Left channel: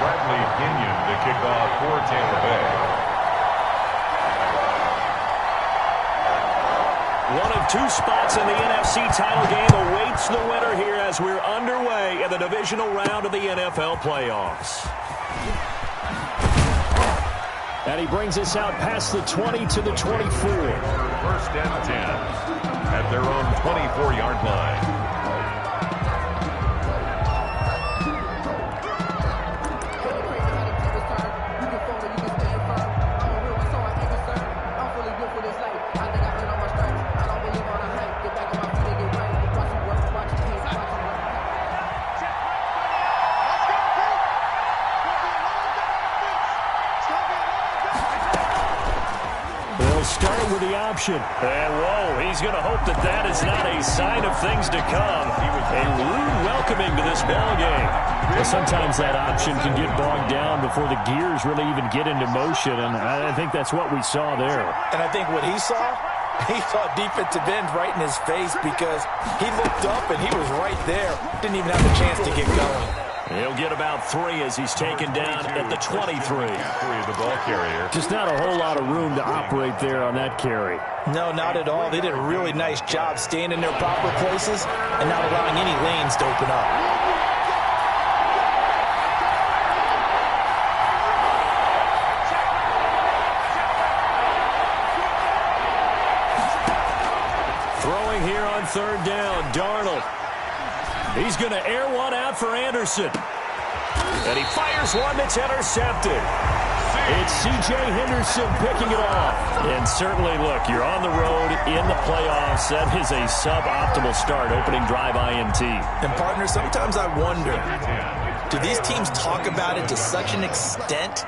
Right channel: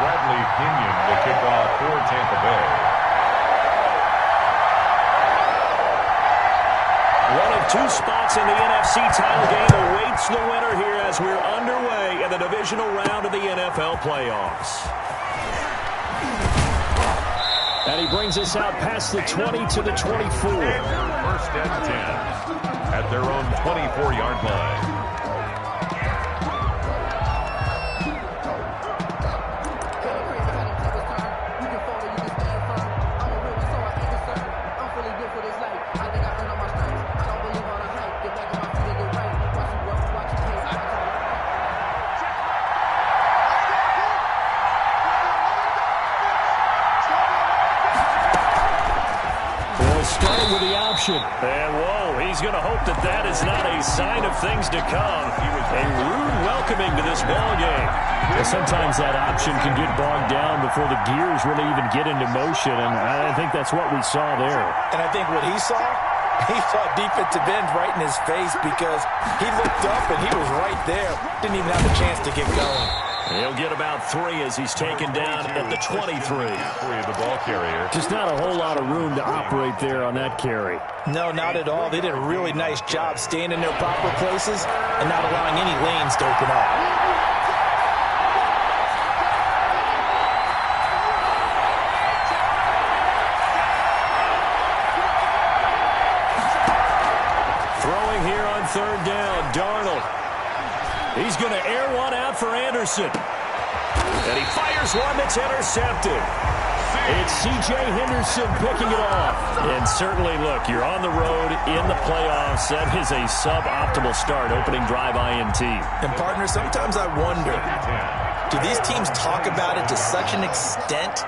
To kick off for Tampa Bay. One of two spots in the NFC title game awaits the winner here as we're underway in the divisional round of the NFL playoffs. And he brings us out past the 20 to the 24. First and 10 at their own 24-yard line. Starting with the option. And, whoa, he's going to hope that that is not a sign of things to come. A rude welcoming to this ball game. Well, sometimes that option can get bogged down before the gears really even get into motion, and I think that's what we saw there. And I think what he saw defensive end right in his face because he looked up and he was right there. Didn't even have a chance to get going. He'll get about 3 as he's taken down at the 23. The ball carrier. Just not a whole lot of room to operate there on that carry. No, not at all. They did a really nice job staying in their proper places and not allowing any lanes to open up. Throwing here on third down, Darnold. He's going to air one out for Anderson. And he fires one that's intercepted. It's C.J. Henderson picking it off. And certainly, look, you're on the road in the playoffs. That is a suboptimal start, opening drive INT. And, partner, sometimes I wonder, do these teams talk about it to such an extent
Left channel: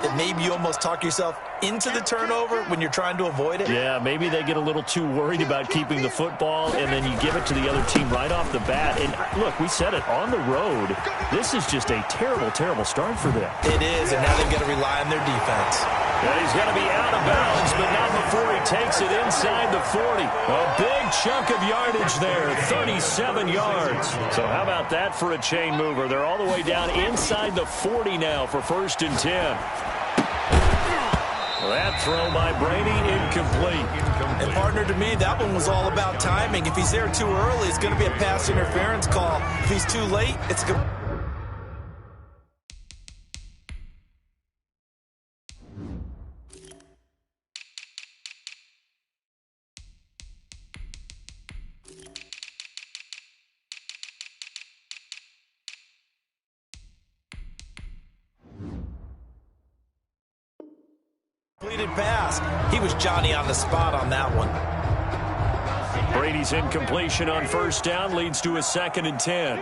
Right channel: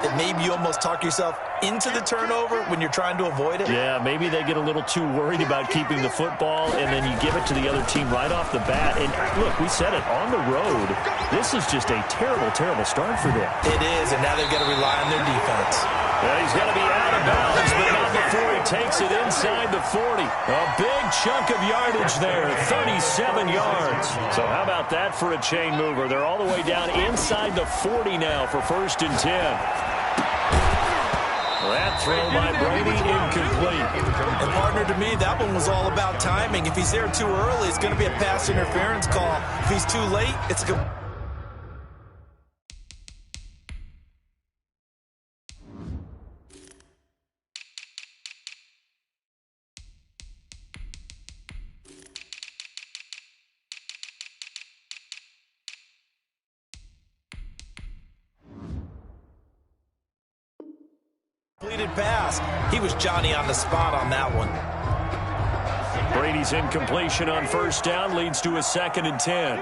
that maybe you almost talk yourself into the turnover when you're trying to avoid it? Yeah, maybe they get a little too worried about keeping the football, and then you give it to the other team right off the bat. And, look, we said it, on the road, this is just a terrible, terrible start for them. It is, and now they've got to rely on their defense. Yeah, he's going to be out of bounds, but not before he takes it inside the 40. A big chunk of yardage there, 37 yards. So how about that for a chain mover? They're all the way down inside the 40 now for 1st and 10. That throw by Brady, incomplete. And, partner, to me, that one was all about timing. If he's there too early, it's going to be a pass interference call. If he's too late, it's a... completed pass. He was Johnny on the spot on that one. Brady's incompletion on 1st down leads to a 2nd and 10.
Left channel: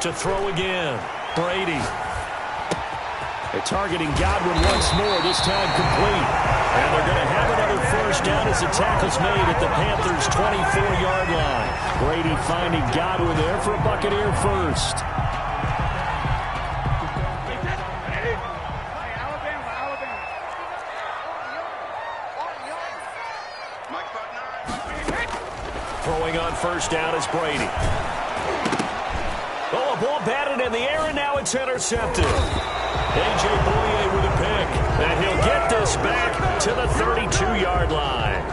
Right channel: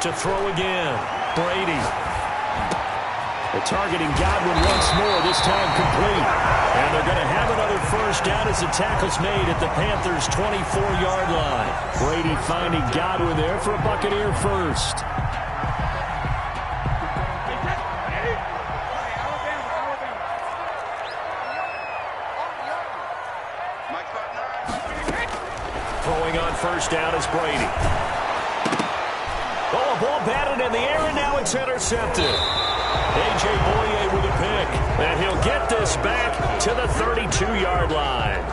To throw again, Brady. They're targeting Godwin once more, this time complete. And they're going to have another 1st down as the tackle's made at the Panthers' 24-yard line. Brady finding Godwin there for a Buccaneer first. Throwing on 1st down is Brady. Oh, a ball batted in the air, and now it's intercepted. A.J. Boye with a pick, and he'll get this back to the 32-yard line.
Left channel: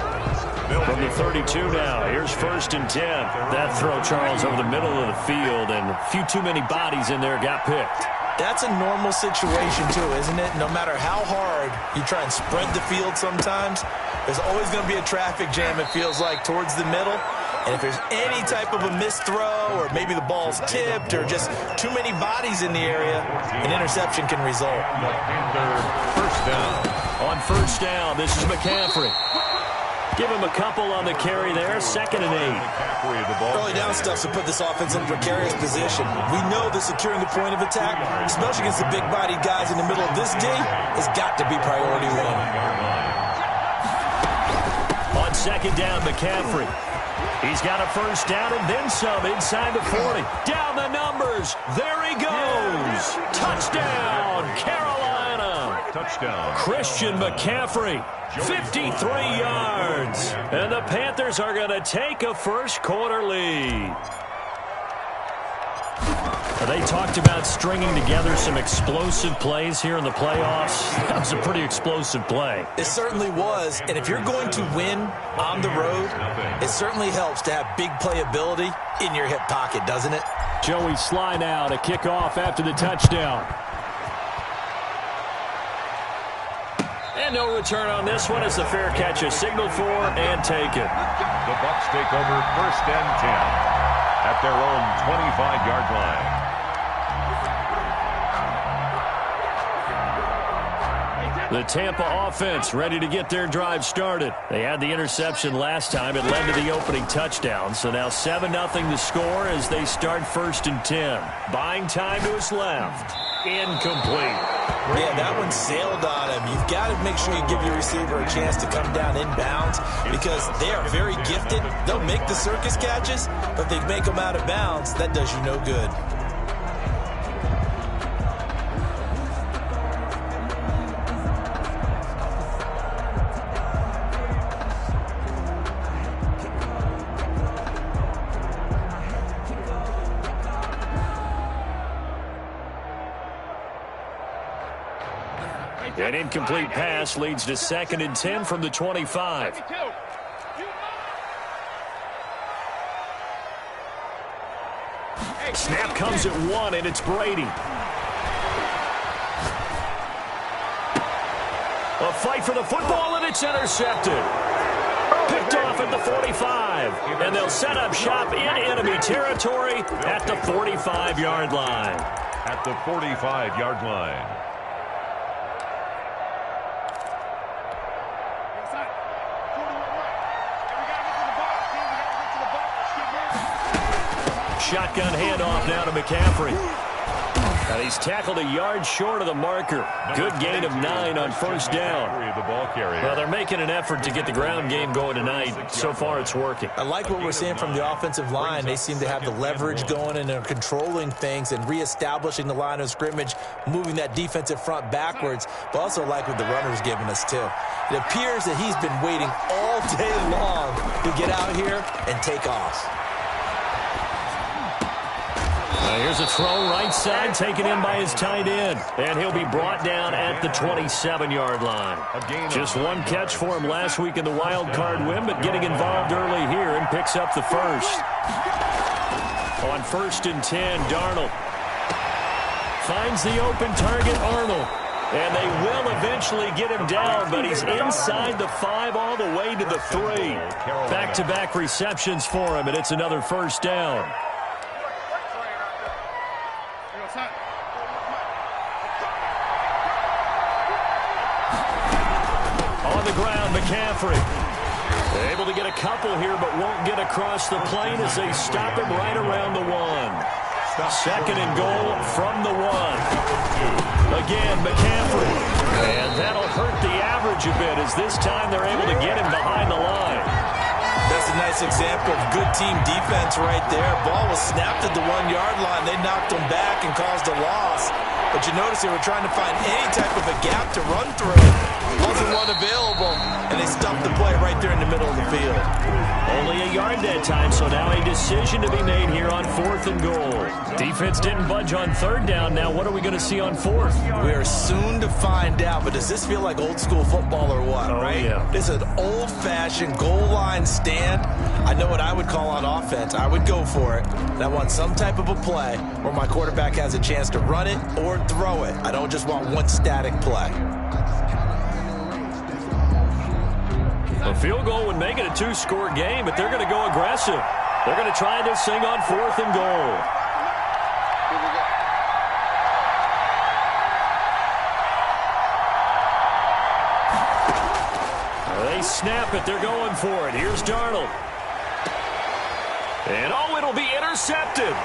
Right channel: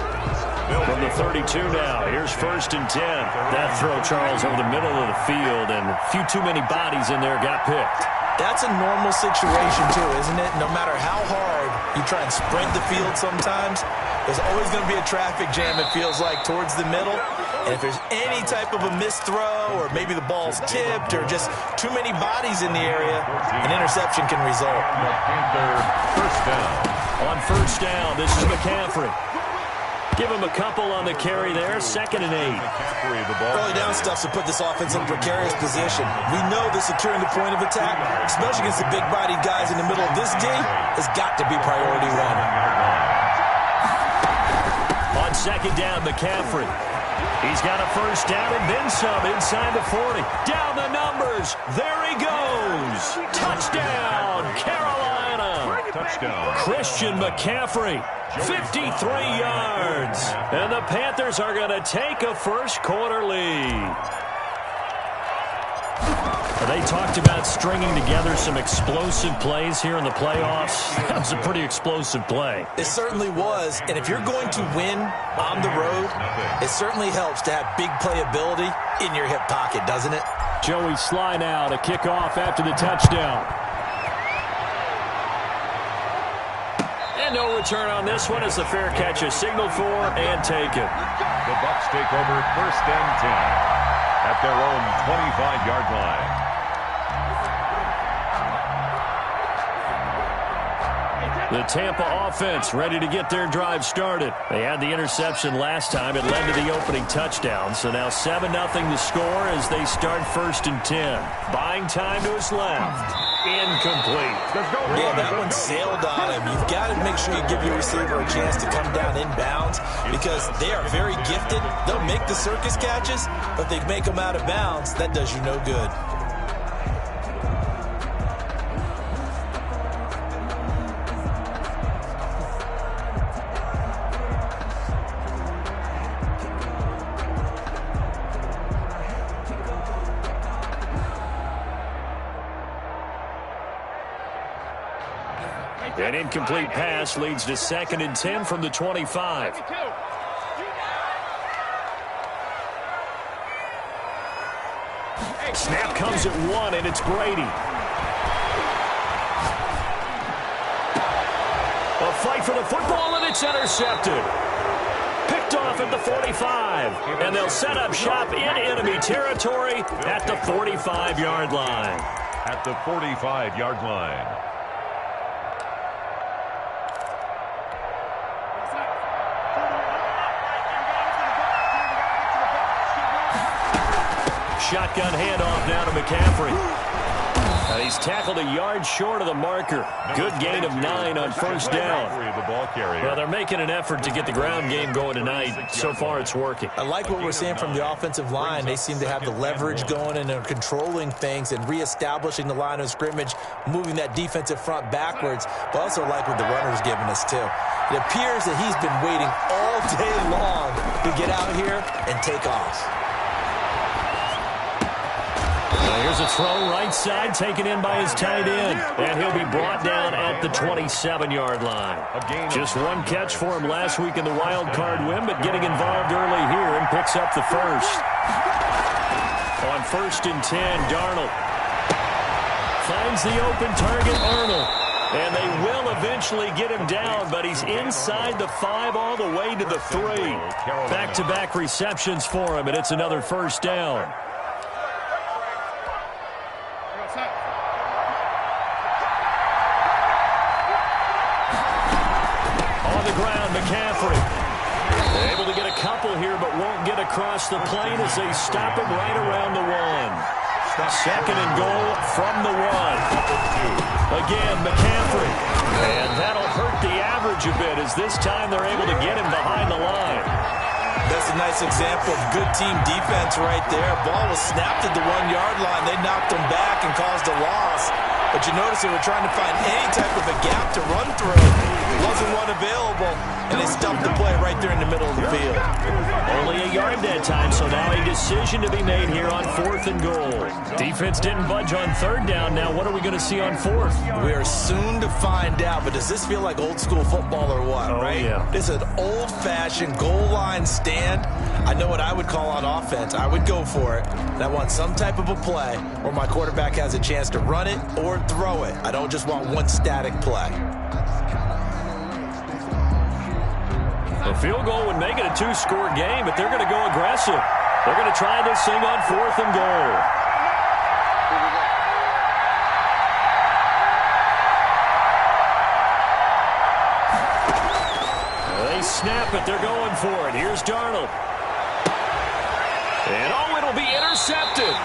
From the 32 now, here's 1st and 10. That throw, Charles, over the middle of the field, and a few too many bodies in there got picked. That's a normal situation, too, isn't it? No matter how hard you try and spread the field sometimes, there's always going to be a traffic jam, it feels like, towards the middle. And if there's any type of a missed throw or maybe the ball's tipped or just too many bodies in the area, an interception can result. First down. On 1st down, this is McCaffrey. Give him a couple on the carry there, 2nd and 8. Early down stuff to put this offense in a precarious position. We know that securing the point of attack, especially against the big-bodied guys in the middle of this game, has got to be priority one. On 2nd down, McCaffrey. He's got a 1st down and then some inside the 40. Down the numbers. There he goes. Touchdown, Carolina. Touchdown. Christian McCaffrey, 53 yards. And the Panthers are going to take a first-quarter lead. They talked about stringing together some explosive plays here in the playoffs. That was a pretty explosive play. It certainly was. And if you're going to win on the road, it certainly helps to have big playability in your hip pocket, doesn't it? Joey Sly now to kick off after the touchdown. And no return on this one as the fair catch is signaled for and taken. The Bucs take over 1st and 10 at their own 25-yard line. The Tampa offense ready to get their drive started. They had the interception last time. It led to the opening touchdown. So now 7-0 the score as they start 1st and 10. Buying time to his left. Incomplete. Yeah, that one sailed on him. You've got to make sure you give your receiver a chance to come down inbounds because they are very gifted. They'll make the circus catches, but if they make them out of bounds, that does you no good. An incomplete pass leads to 2nd and 10 from the 25. Snap comes at 1, and it's Brady. A fight for the football, and it's intercepted. Picked off at the 45, and they'll set up shop in enemy territory at the 45-yard line. At the 45-yard line. Shotgun handoff now to McCaffrey. And he's tackled a yard short of the marker. Good gain of 9 on 1st down. Well, they're making an effort to get the ground game going tonight. So far, it's working. I like what we're seeing from the offensive line. They seem to have the leverage going, and they're controlling things and reestablishing the line of scrimmage, moving that defensive front backwards, but also like what the runner's giving us, too. It appears that he's been waiting all day long to get out here and take off. Here's a throw right side taken in by his tight end. And he'll be brought down at the 27-yard line. Just one catch for him last week in the wild card win, but getting involved early here and picks up the first. On 1st and 10, Darnold finds the open target, Arnold. And they will eventually get him down, but he's inside the 5 all the way to the 3. Back-to-back receptions for him, and it's another 1st down. On the ground, McCaffrey. They're able to get a couple here, but won't get across the plane as they stop him right around the 1. 2nd and goal from the 1. Again, McCaffrey. And that'll hurt the average a bit as this time they're able to get him behind the line. That's a nice example of good team defense right there. Ball was snapped at the 1-yard line. They knocked him back and caused a loss. But you notice they were trying to find any type of a gap to run through. Wasn't one available, and they stumped the play right there in the middle of the field. Only a yard that time, so now a decision to be made here on 4th and goal. Defense didn't budge on 3rd down. Now what are we going to see on 4th? We are soon to find out, but does this feel like old school football or what, right? Yeah. This is an old-fashioned goal line stand. I know what I would call on offense. I would go for it. And I want some type of a play where my quarterback has a chance to run it or throw it. I don't just want one static play. A field goal would make it a 2-score game, but they're going to go aggressive. They're going to try this thing on 4th and goal. They snap it. They're going for it. Here's Darnold. And, it'll be intercepted.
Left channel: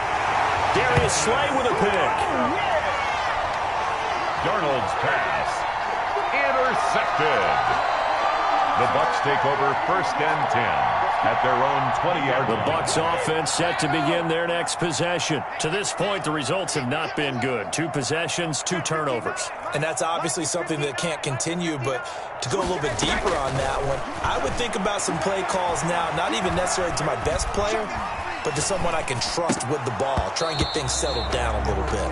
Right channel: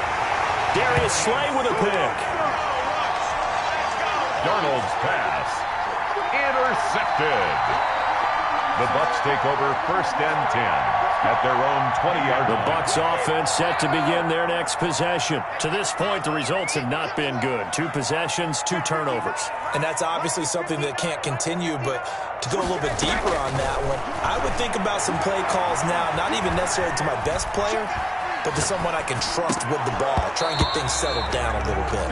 Darius Slay with a pick. Darnold's pass intercepted. The Bucs take over 1st and 10 at their own 20-yard line. The Bucs offense set to begin their next possession. To this point, the results have not been good. 2 possessions, 2 turnovers. And that's obviously something that can't continue, but to go a little bit deeper on that one, I would think about some play calls now, not even necessarily to my best player, but to someone I can trust with the ball. Try and get things settled down a little bit.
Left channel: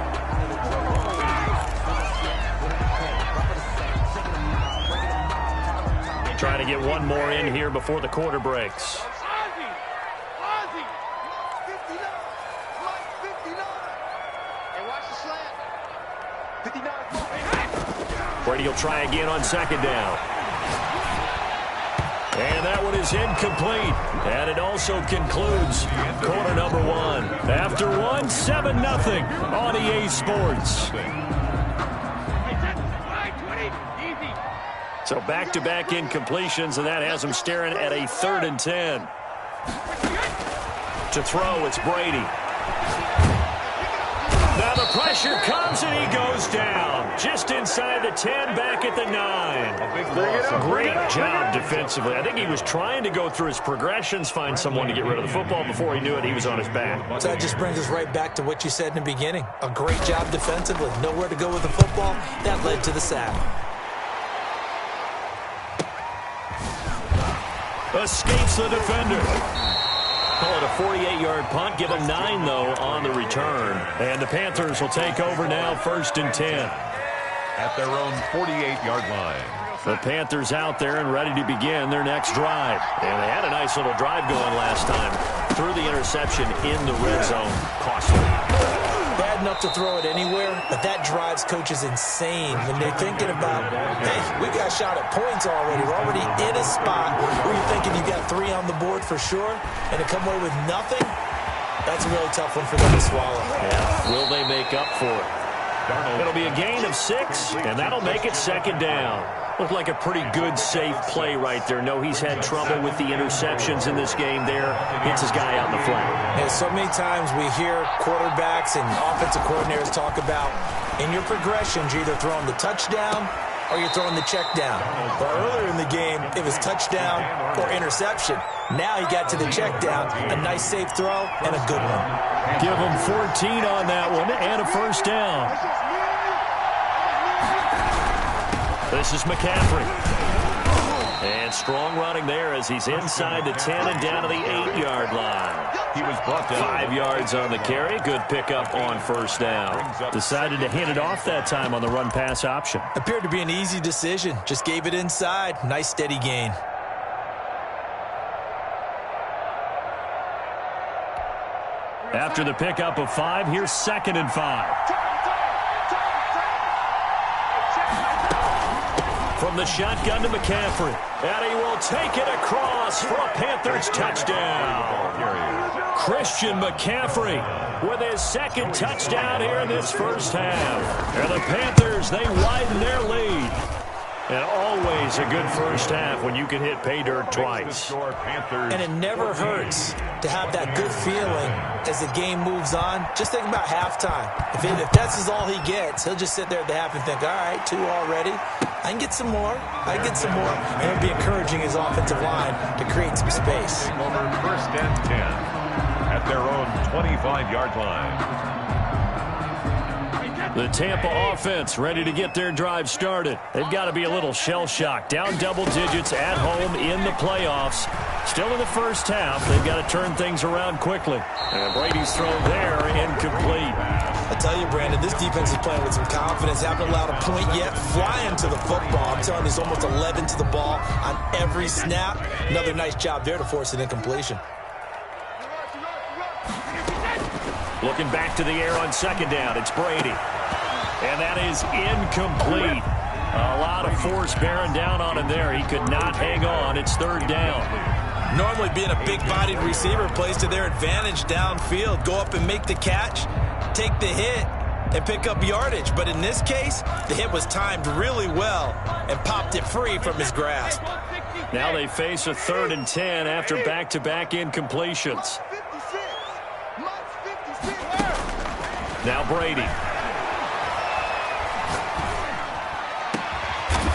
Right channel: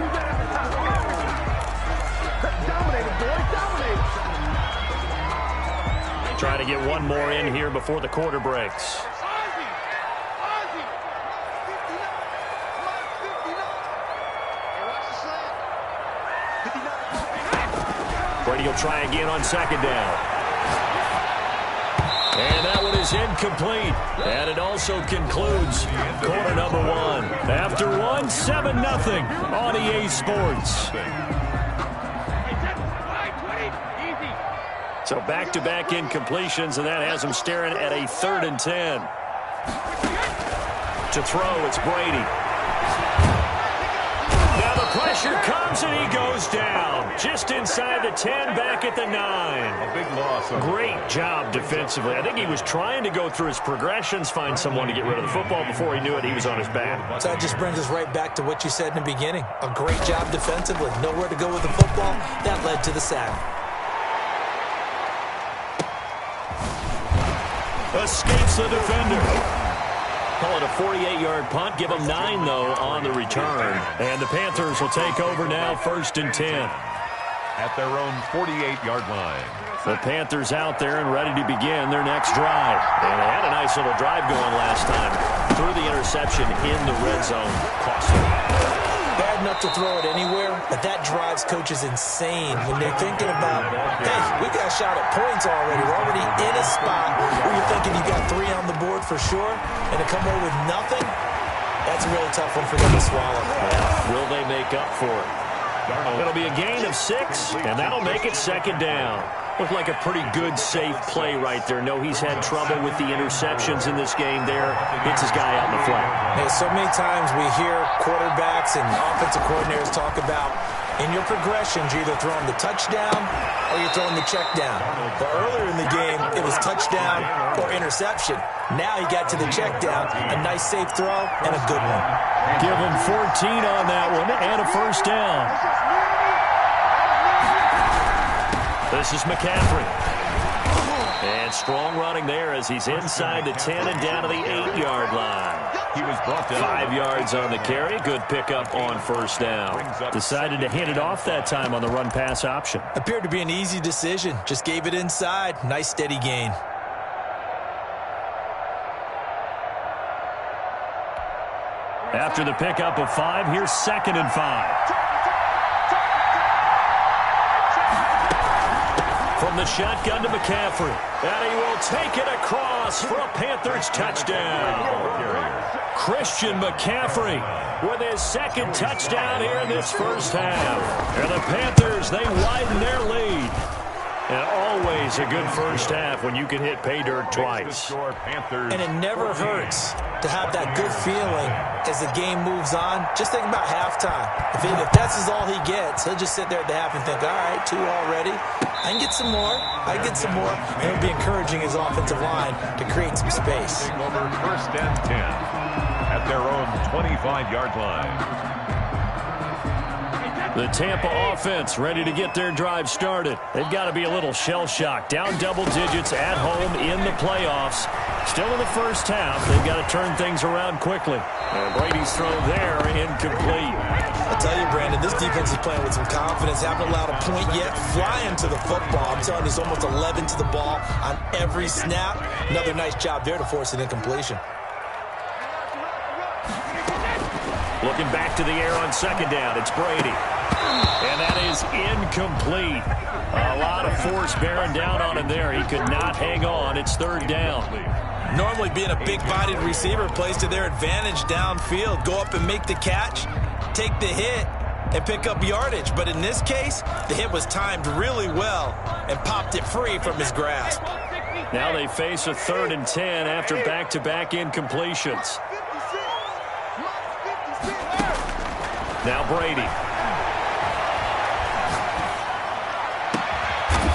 Trying to get one more in here before the quarter breaks. Brady will try again on 2nd down. And that one is incomplete. And it also concludes quarter number 1. After 1, 7-0 on EA Sports. So back-to-back incompletions, and that has him staring at a 3rd and 10. To throw, it's Brady. Now the pressure comes, and he goes down. Just inside the 10, back at the 9. A big loss. Great job defensively. I think he was trying to go through his progressions, find someone to get rid of the football. Before he knew it, he was on his back. So that just brings us right back to what you said in the beginning. A great job defensively. Nowhere to go with the football. That led to the sack. Escapes the defender. Call it a 48-yard punt. Give them 9, though, on the return. And the Panthers will take over now, 1st and 10. At their own 48-yard line. The Panthers out there and ready to begin their next drive. And they had a nice little drive going last time. Threw the interception in the red zone. Costly. Bad enough to throw it anywhere, but that drives coaches insane when they're thinking about, hey, we've got a shot at points already. We're already in a spot where you're thinking you got 3 on the board for sure, and to come away with nothing, that's a really tough one for them to swallow. Yeah. Will they make up for it? It'll be a gain of 6, and that'll make it 2nd down. Looked like a pretty good, safe play right there. No, he's had trouble with the interceptions in this game there. Hits his guy out in the flat. Hey, so many times we hear quarterbacks and offensive coordinators talk about in your progressions, you're either throwing the touchdown or you're throwing the check down. But earlier in the game, it was touchdown or interception. Now he got to the check down, a nice safe throw, and a good one. Give him 14 on that one and a 1st down. This is McCaffrey. And strong running there as he's inside the 10 and down to the 8-yard line. He was brought down. 5 yards on the carry. Good pickup on 1st down. Decided to hand it off that time on the run-pass option. Appeared to be an easy decision. Just gave it inside. Nice steady gain. After the pickup of 5, here's 2nd and 5. From the shotgun to McCaffrey. And he will take it across for a Panthers touchdown. Christian McCaffrey with his 2nd touchdown here in this 1st half. And the Panthers, they widen their lead. And always a good 1st half when you can hit pay dirt twice. And it never hurts to have that good feeling as the game moves on. Just think about halftime. If that's all he gets, he'll just sit there at the half and think, all right, 2 already. I can get some more. I can get some more. And it'll be encouraging his offensive line to create some space. Over 1st and 10 at their own 25-yard line. The Tampa offense ready to get their drive started. They've got to be a little shell-shocked. Down double digits at home in the playoffs. Still in the 1st half. They've got to turn things around quickly. And Brady's throw there, incomplete. I tell you, Brandon, this defense is playing with some confidence. Haven't allowed a point yet. Flying to the football. I'm telling you, there's almost 11 to the ball on every snap. Another nice job there to force an incompletion. Looking back to the air on 2nd down. It's Brady. And that is incomplete. A lot of force bearing down on him there. He could not hang on. It's 3rd down. Normally being a big-bodied receiver plays to their advantage downfield. Go up and make the catch, take the hit, and pick up yardage. But in this case, the hit was timed really well and popped it free from his grasp. Now they face a 3rd and 10 after back-to-back incompletions. Now Brady.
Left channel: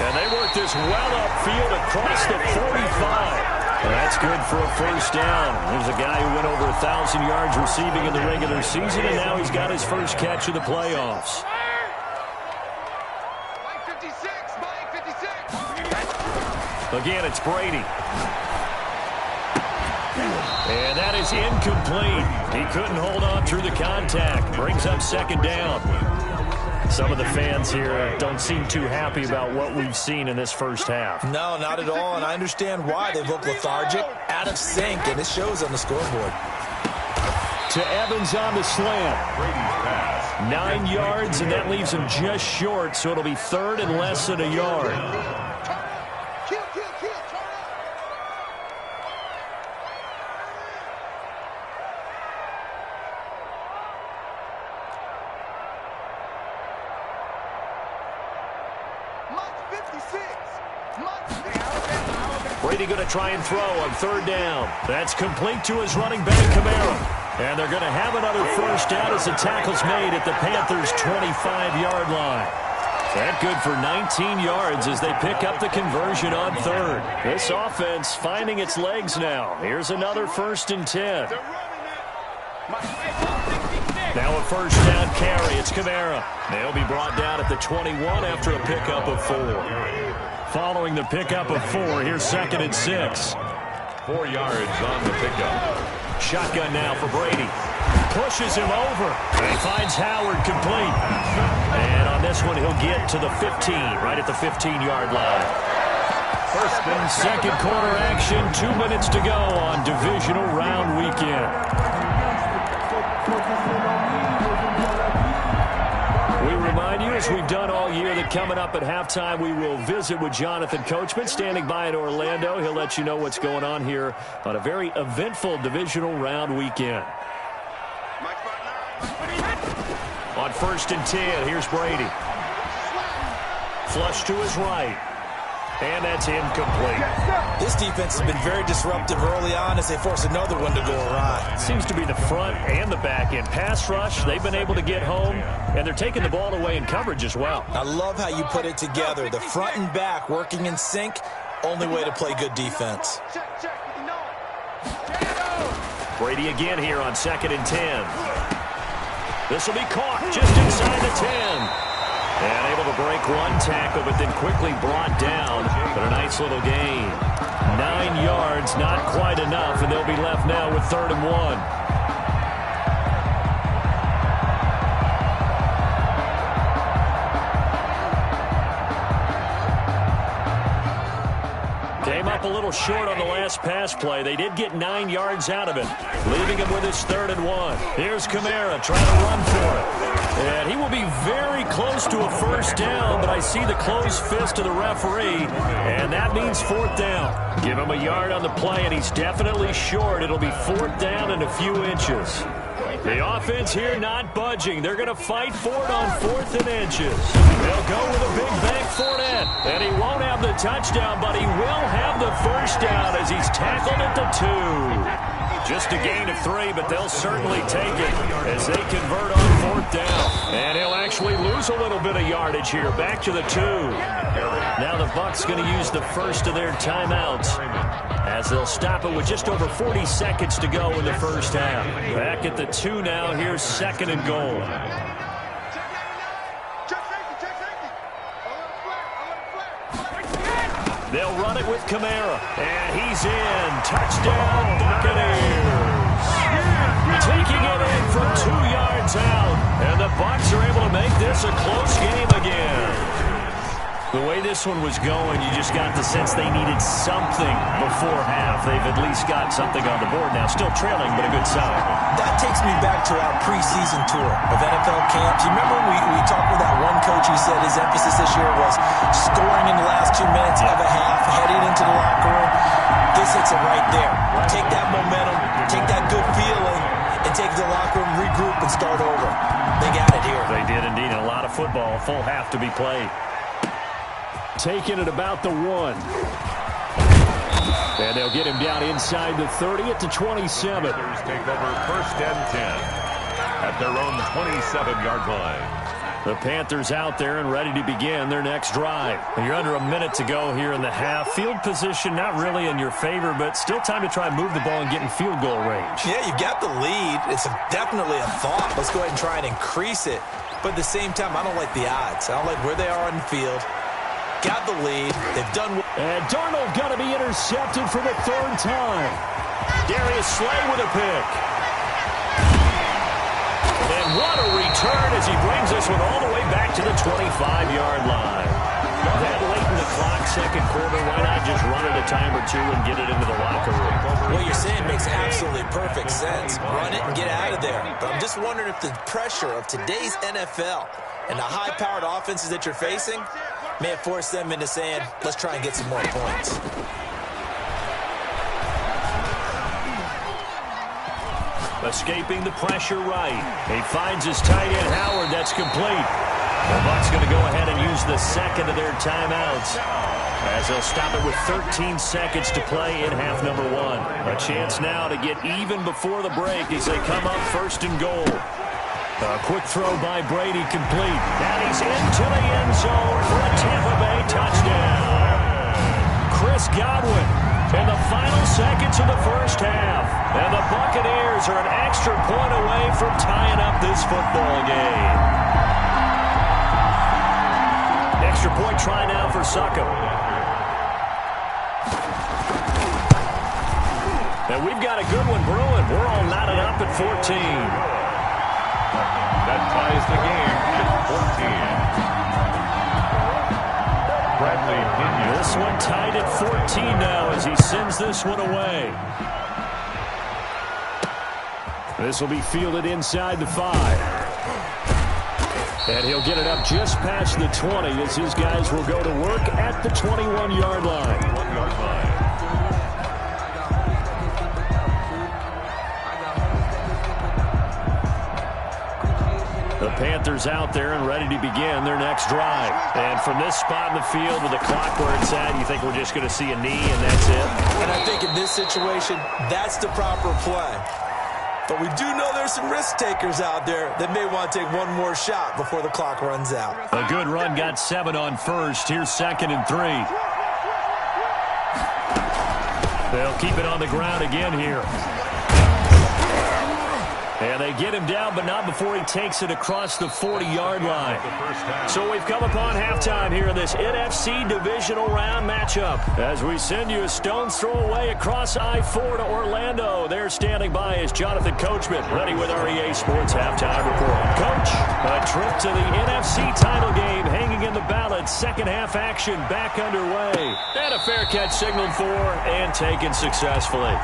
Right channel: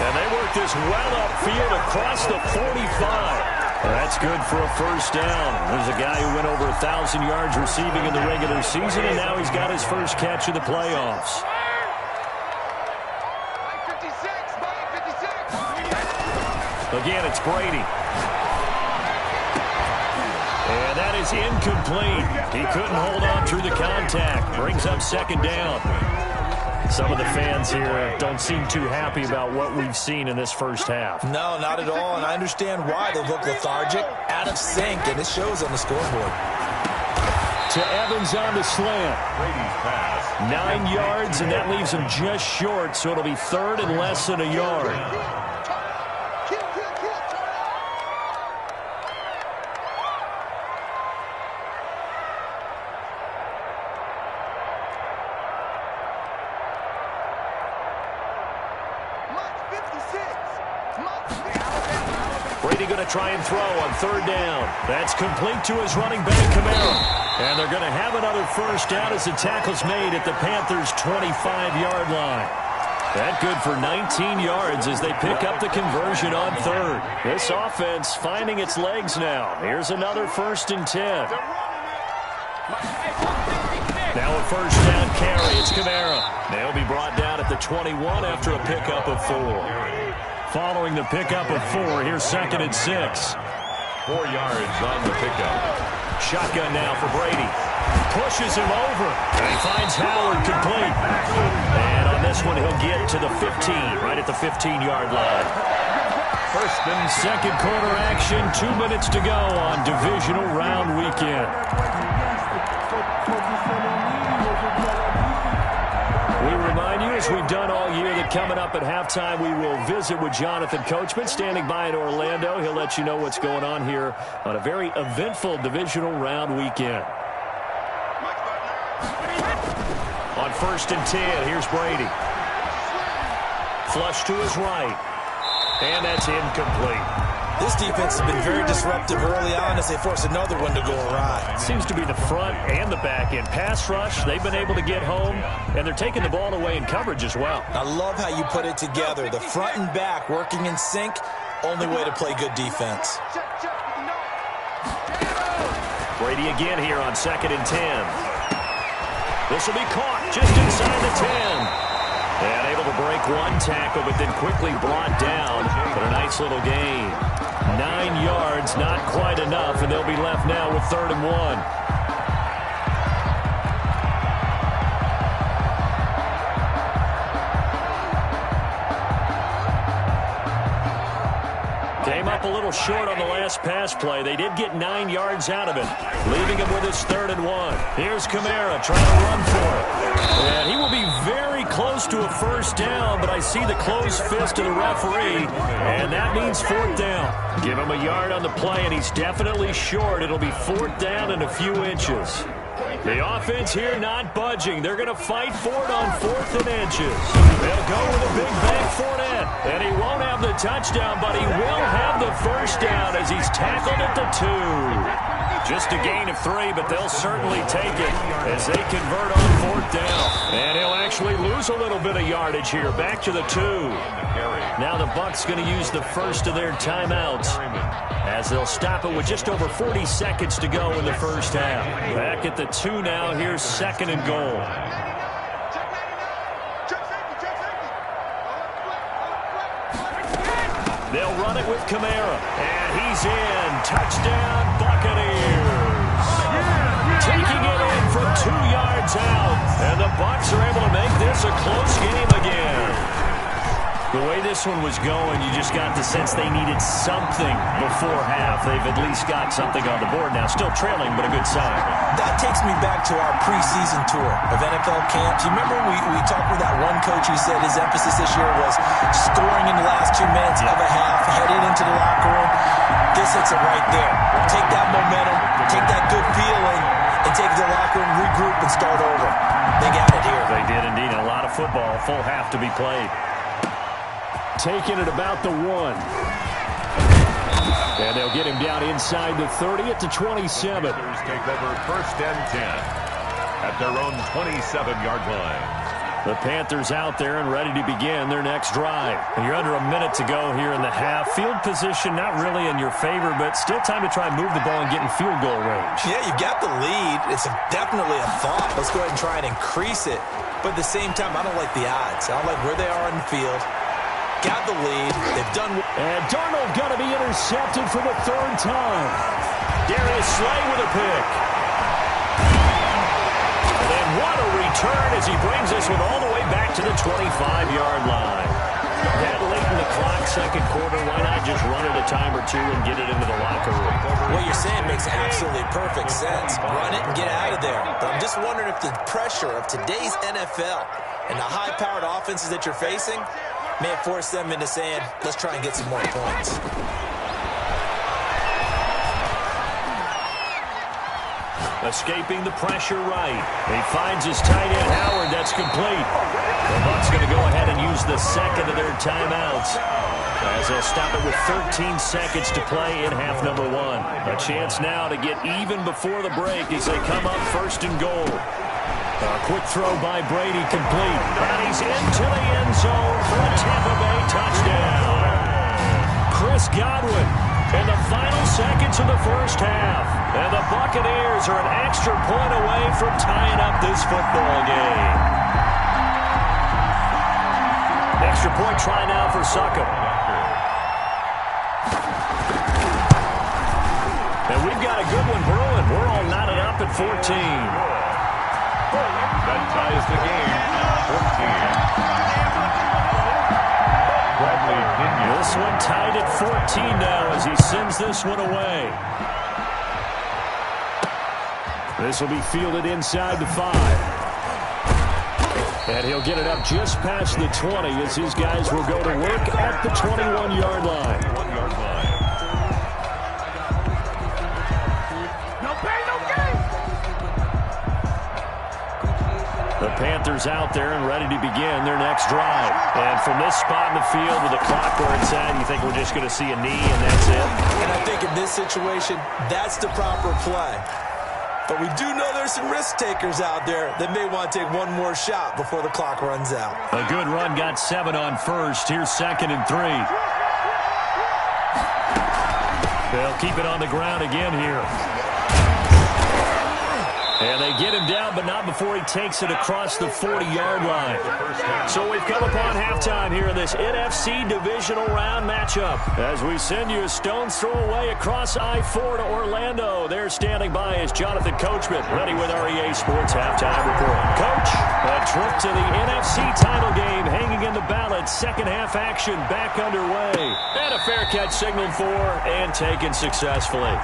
And they work this well upfield across the 45. That's good for a first down. There's a guy who went over 1,000 yards receiving in the regular season, and now he's got his first catch of the playoffs. Again, it's Brady. And that is incomplete. He couldn't hold on through the contact. Brings up second down. Some of the fans here don't seem too happy about what we've seen in this first half. No, not at all, and I understand why. They look lethargic, out of sync, and it shows on the scoreboard. To Evans on the slant. Brady's pass. 9 yards, and that leaves him just short, so it'll be third and less than a yard. Brady going to try and throw on third down. That's complete to his running back, Kamara. And they're going to have another first down as the tackle's made at the Panthers' 25-yard line. That good for 19 yards as they pick up the conversion on third. This offense finding its legs now. Here's another 1st and 10. Now a first down carry. It's Kamara. They'll be brought down at the 21 after a pickup of 4. Following the pickup of 4, here's 2nd and 6. 4 yards on the pickup. Shotgun now for Brady. Pushes him over. And he finds Howard complete. And on this one, he'll get to the 15, right at the 15-yard line. First and second quarter action, 2 minutes to go on divisional round weekend. We remind you, as we've done all year, that coming up at halftime, we will visit with Jonathan Coachman, standing by in Orlando. He'll let you know what's going on here on a very eventful divisional round weekend. On 1st and 10, here's Brady. Flush to his right. And that's incomplete. This defense has been very disruptive early on as they force another one to go awry. Seems to be the front and the back end. Pass rush, they've been able to get home, and they're taking the ball away in coverage as well. I love how you put it together. The front and back working in sync, only way to play good defense. Brady again here on 2nd and 10. This will be caught just inside the 10. And able to break one tackle, but then quickly brought down. But a nice little gain. 9 yards, not quite enough, and they'll be left now with 3rd and 1. Came up a little short on the last pass play. They did get 9 yards out of it, leaving him with his 3rd and 1. Here's Kamara trying to run for it. And he will be very close to a first down, but I see the closed fist of the referee, and that means 4th down. Give him a yard on the play, and he's definitely short. It'll be 4th down and a few inches. The offense here not budging. They're going to fight for it on 4th and inches. They'll go with a big bank Fournette. And he won't have the touchdown, but he will have the first down as he's tackled at the 2. Just a gain of 3, but they'll certainly take it as they convert on 4th down. And he'll actually lose a little bit of yardage here. Back to the 2. Now the Bucs going to use the first of their timeouts as they'll stop it with just over 40 seconds to go in the first half. Back at the 2 now. Here's 2nd and goal. They'll run it with Kamara, and he's in. Touchdown, Buccaneers. Taking it in from 2 yards out, and the Bucs are able to make this a close game again. The way this one was going, you just got the sense they needed something before half. They've at least got something on the board now. Still trailing, but a good sign. That takes me back to our preseason tour of NFL camps. You remember we talked with that one coach who said his emphasis this year was scoring in the last 2 minutes of a half, heading into the locker room. This hits it right there. Take that momentum, take that good feeling, and take it to the locker room, regroup, and start over. They got it here. They did indeed. A lot of football, full half to be played. Taking it about the 1. And they'll get him down inside the 30 at the 27. Take over 1st and 10 at their own 27-yard line. The Panthers out there and ready to begin their next drive. You're under a minute to go here in the half. Field position not really in your favor, but still time to try and move the ball and get in field goal range. Yeah, you've got the lead. It's definitely a thought. Let's go ahead and try and increase it. But at the same time, I don't like the odds. I don't like where they are on the field. Got the lead. They've done. And Darnold going to be intercepted for the third time. Darius Slay with a pick. And what a return as he brings this one all the way back to the 25-yard line. That late in the clock, second quarter, why not just run it a time or two and get it into the locker room? What you're saying makes absolutely perfect sense. Run it and get out of there. But I'm just wondering if the pressure of today's NFL and the high-powered offenses that you're facing may have forced them into saying, let's try and get some more points. Escaping the pressure right. He finds his tight end, Howard. That's complete. The Bucs going to go ahead and use the second of their timeouts as they'll stop it with 13 seconds to play in half number one. A chance now to get even before the break as they come up first and goal. A quick throw by Brady, complete. And he's into the end zone for a Tampa Bay touchdown. Chris Godwin in the final seconds of the first half. And the Buccaneers are an extra point away from tying up this football game. Extra point try now for Succop. And we've got a good one brewing. We're all knotted up at 14. That ties the game at 14. Bradley Pinion. This one tied at 14 now as he sends this one away. This will be fielded inside the 5. And he'll get it up just past the 20 as his guys will go to work at the 21-yard line. 1-yard line. The Panthers out there and ready to begin their next drive. And from this spot in the field with the clock where it's at, you think we're just going to see a knee and that's it? And I think in this situation, that's the proper play. But we do know there's some risk takers out there that may want to take one more shot before the clock runs out. A good run got 7 on first. Here's 2nd and 3. They'll keep it on the ground again here. And they get him down, but not before he takes it across the 40-yard line. So we've come upon halftime here in this NFC divisional round matchup. As we send you a stone's throw away across I-4 to Orlando. There standing by is Jonathan Coachman, ready with our EA Sports Halftime Report. Coach, a trip to the NFC title game hanging in the balance. Second half action back underway. And a fair catch signaled for and taken successfully.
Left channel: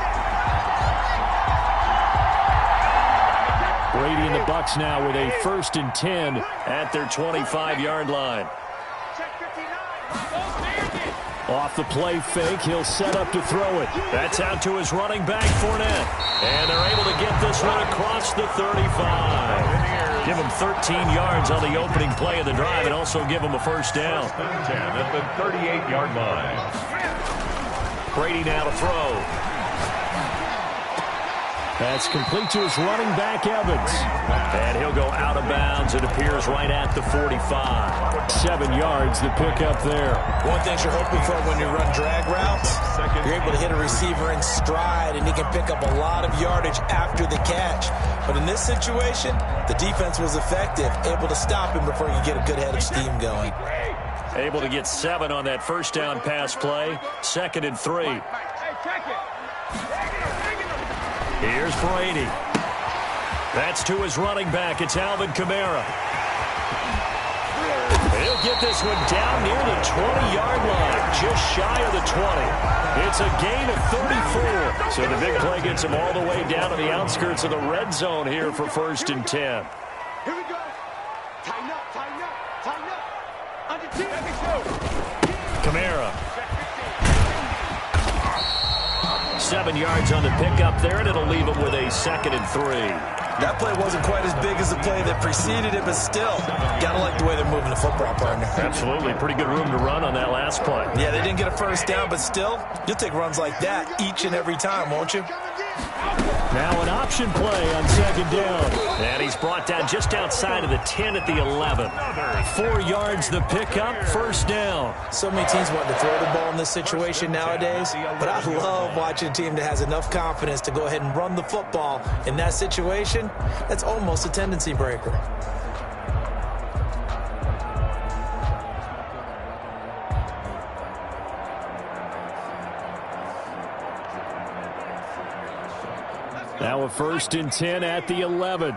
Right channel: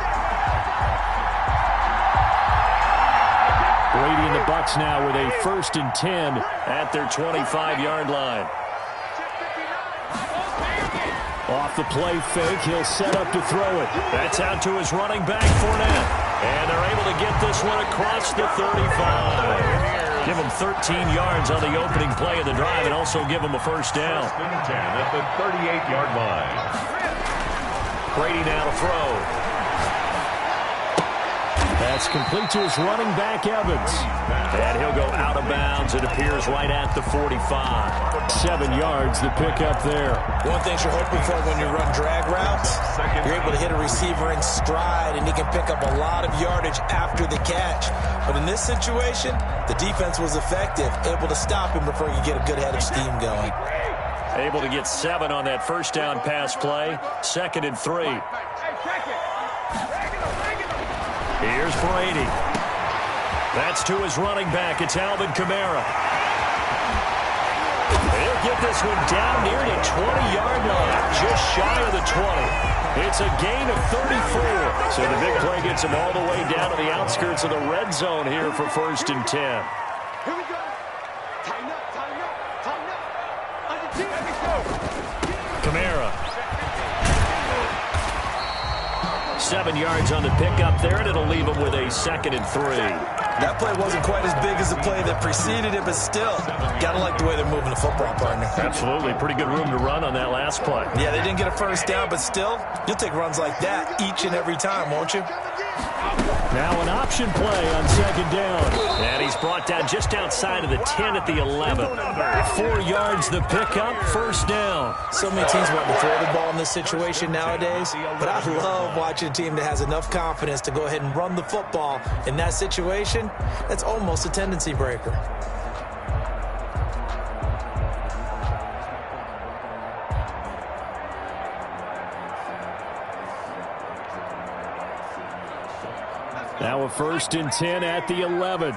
Brady and the Bucs now with a 1st and 10 at their 25-yard line. Off the play fake, he'll set up to throw it. That's out to his running back, Fournette. And they're able to get this one across the 35. Give him 13 yards on the opening play of the drive and also give him a first down. 1st and 10 at the 38-yard line. Brady now to throw. That's complete to his running back, Evans. And he'll go out of bounds. It appears right at the 45. 7 yards, the pickup there. One thing you're hoping for when you run drag routes, you're able to hit a receiver in stride, and he can pick up a lot of yardage after the catch. But in this situation, the defense was effective, able to stop him before he could get a good head of steam going. Able to get 7 on that first down pass play. 2nd and 3. Here's Brady. That's to his running back. It's Alvin Kamara. He'll get this one down near the 20-yard line, just shy of the 20. It's a gain of 34. So the big play gets him all the way down to the outskirts of the red zone here for 1st and 10. Here we go. Tighten up, tighten up, tighten up. Under 2, let me go. Kamara. 7 yards on the pickup there, and it'll leave him with a 2nd and 3. That play wasn't quite as big as the play that preceded it, but still, got to like the way they're moving the football, partner. Absolutely. Pretty good room to run on that last play. Yeah, they didn't get a first down, but still, you'll take runs like that each and every time, won't you? Now an option play on second down. And he's brought down just outside of the 10 at the 11. 4 yards the pickup, first down. So many teams want to throw the ball in this situation nowadays, but I love watching a team that has enough confidence to go ahead and run the football. In that situation, that's almost a tendency breaker. Now a 1st and 10 at the 11.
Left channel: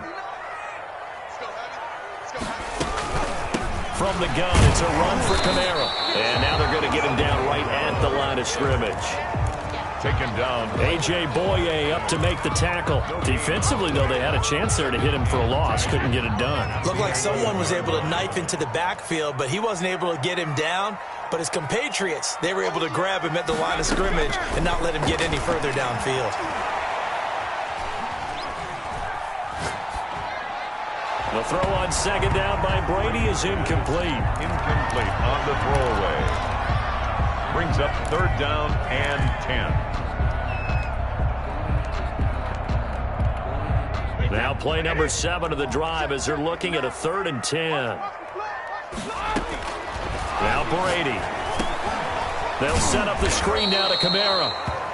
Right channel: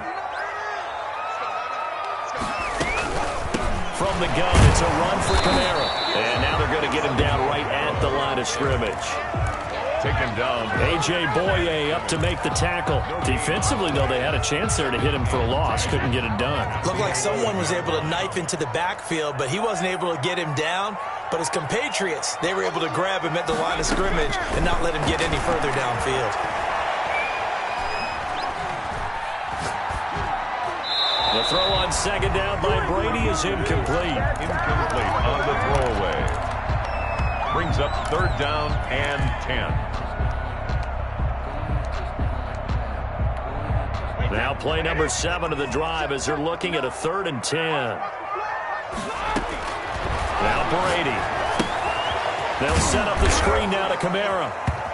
From the gun, it's a run for Kamara. And now they're going to get him down right at the line of scrimmage. Taken down. A.J. Boye up to make the tackle. Defensively, though, they had a chance there to hit him for a loss. Couldn't get it done. Looked like someone was able to knife into the backfield, but he wasn't able to get him down. But his compatriots, they were able to grab him at the line of scrimmage and not let him get any further downfield. The throw on second down by Brady is incomplete. Incomplete on the throwaway. Brings up 3rd down and 10. Now play number 7 of the drive as they're looking at a 3rd and 10. Now Brady. They'll set up the screen now to Kamara.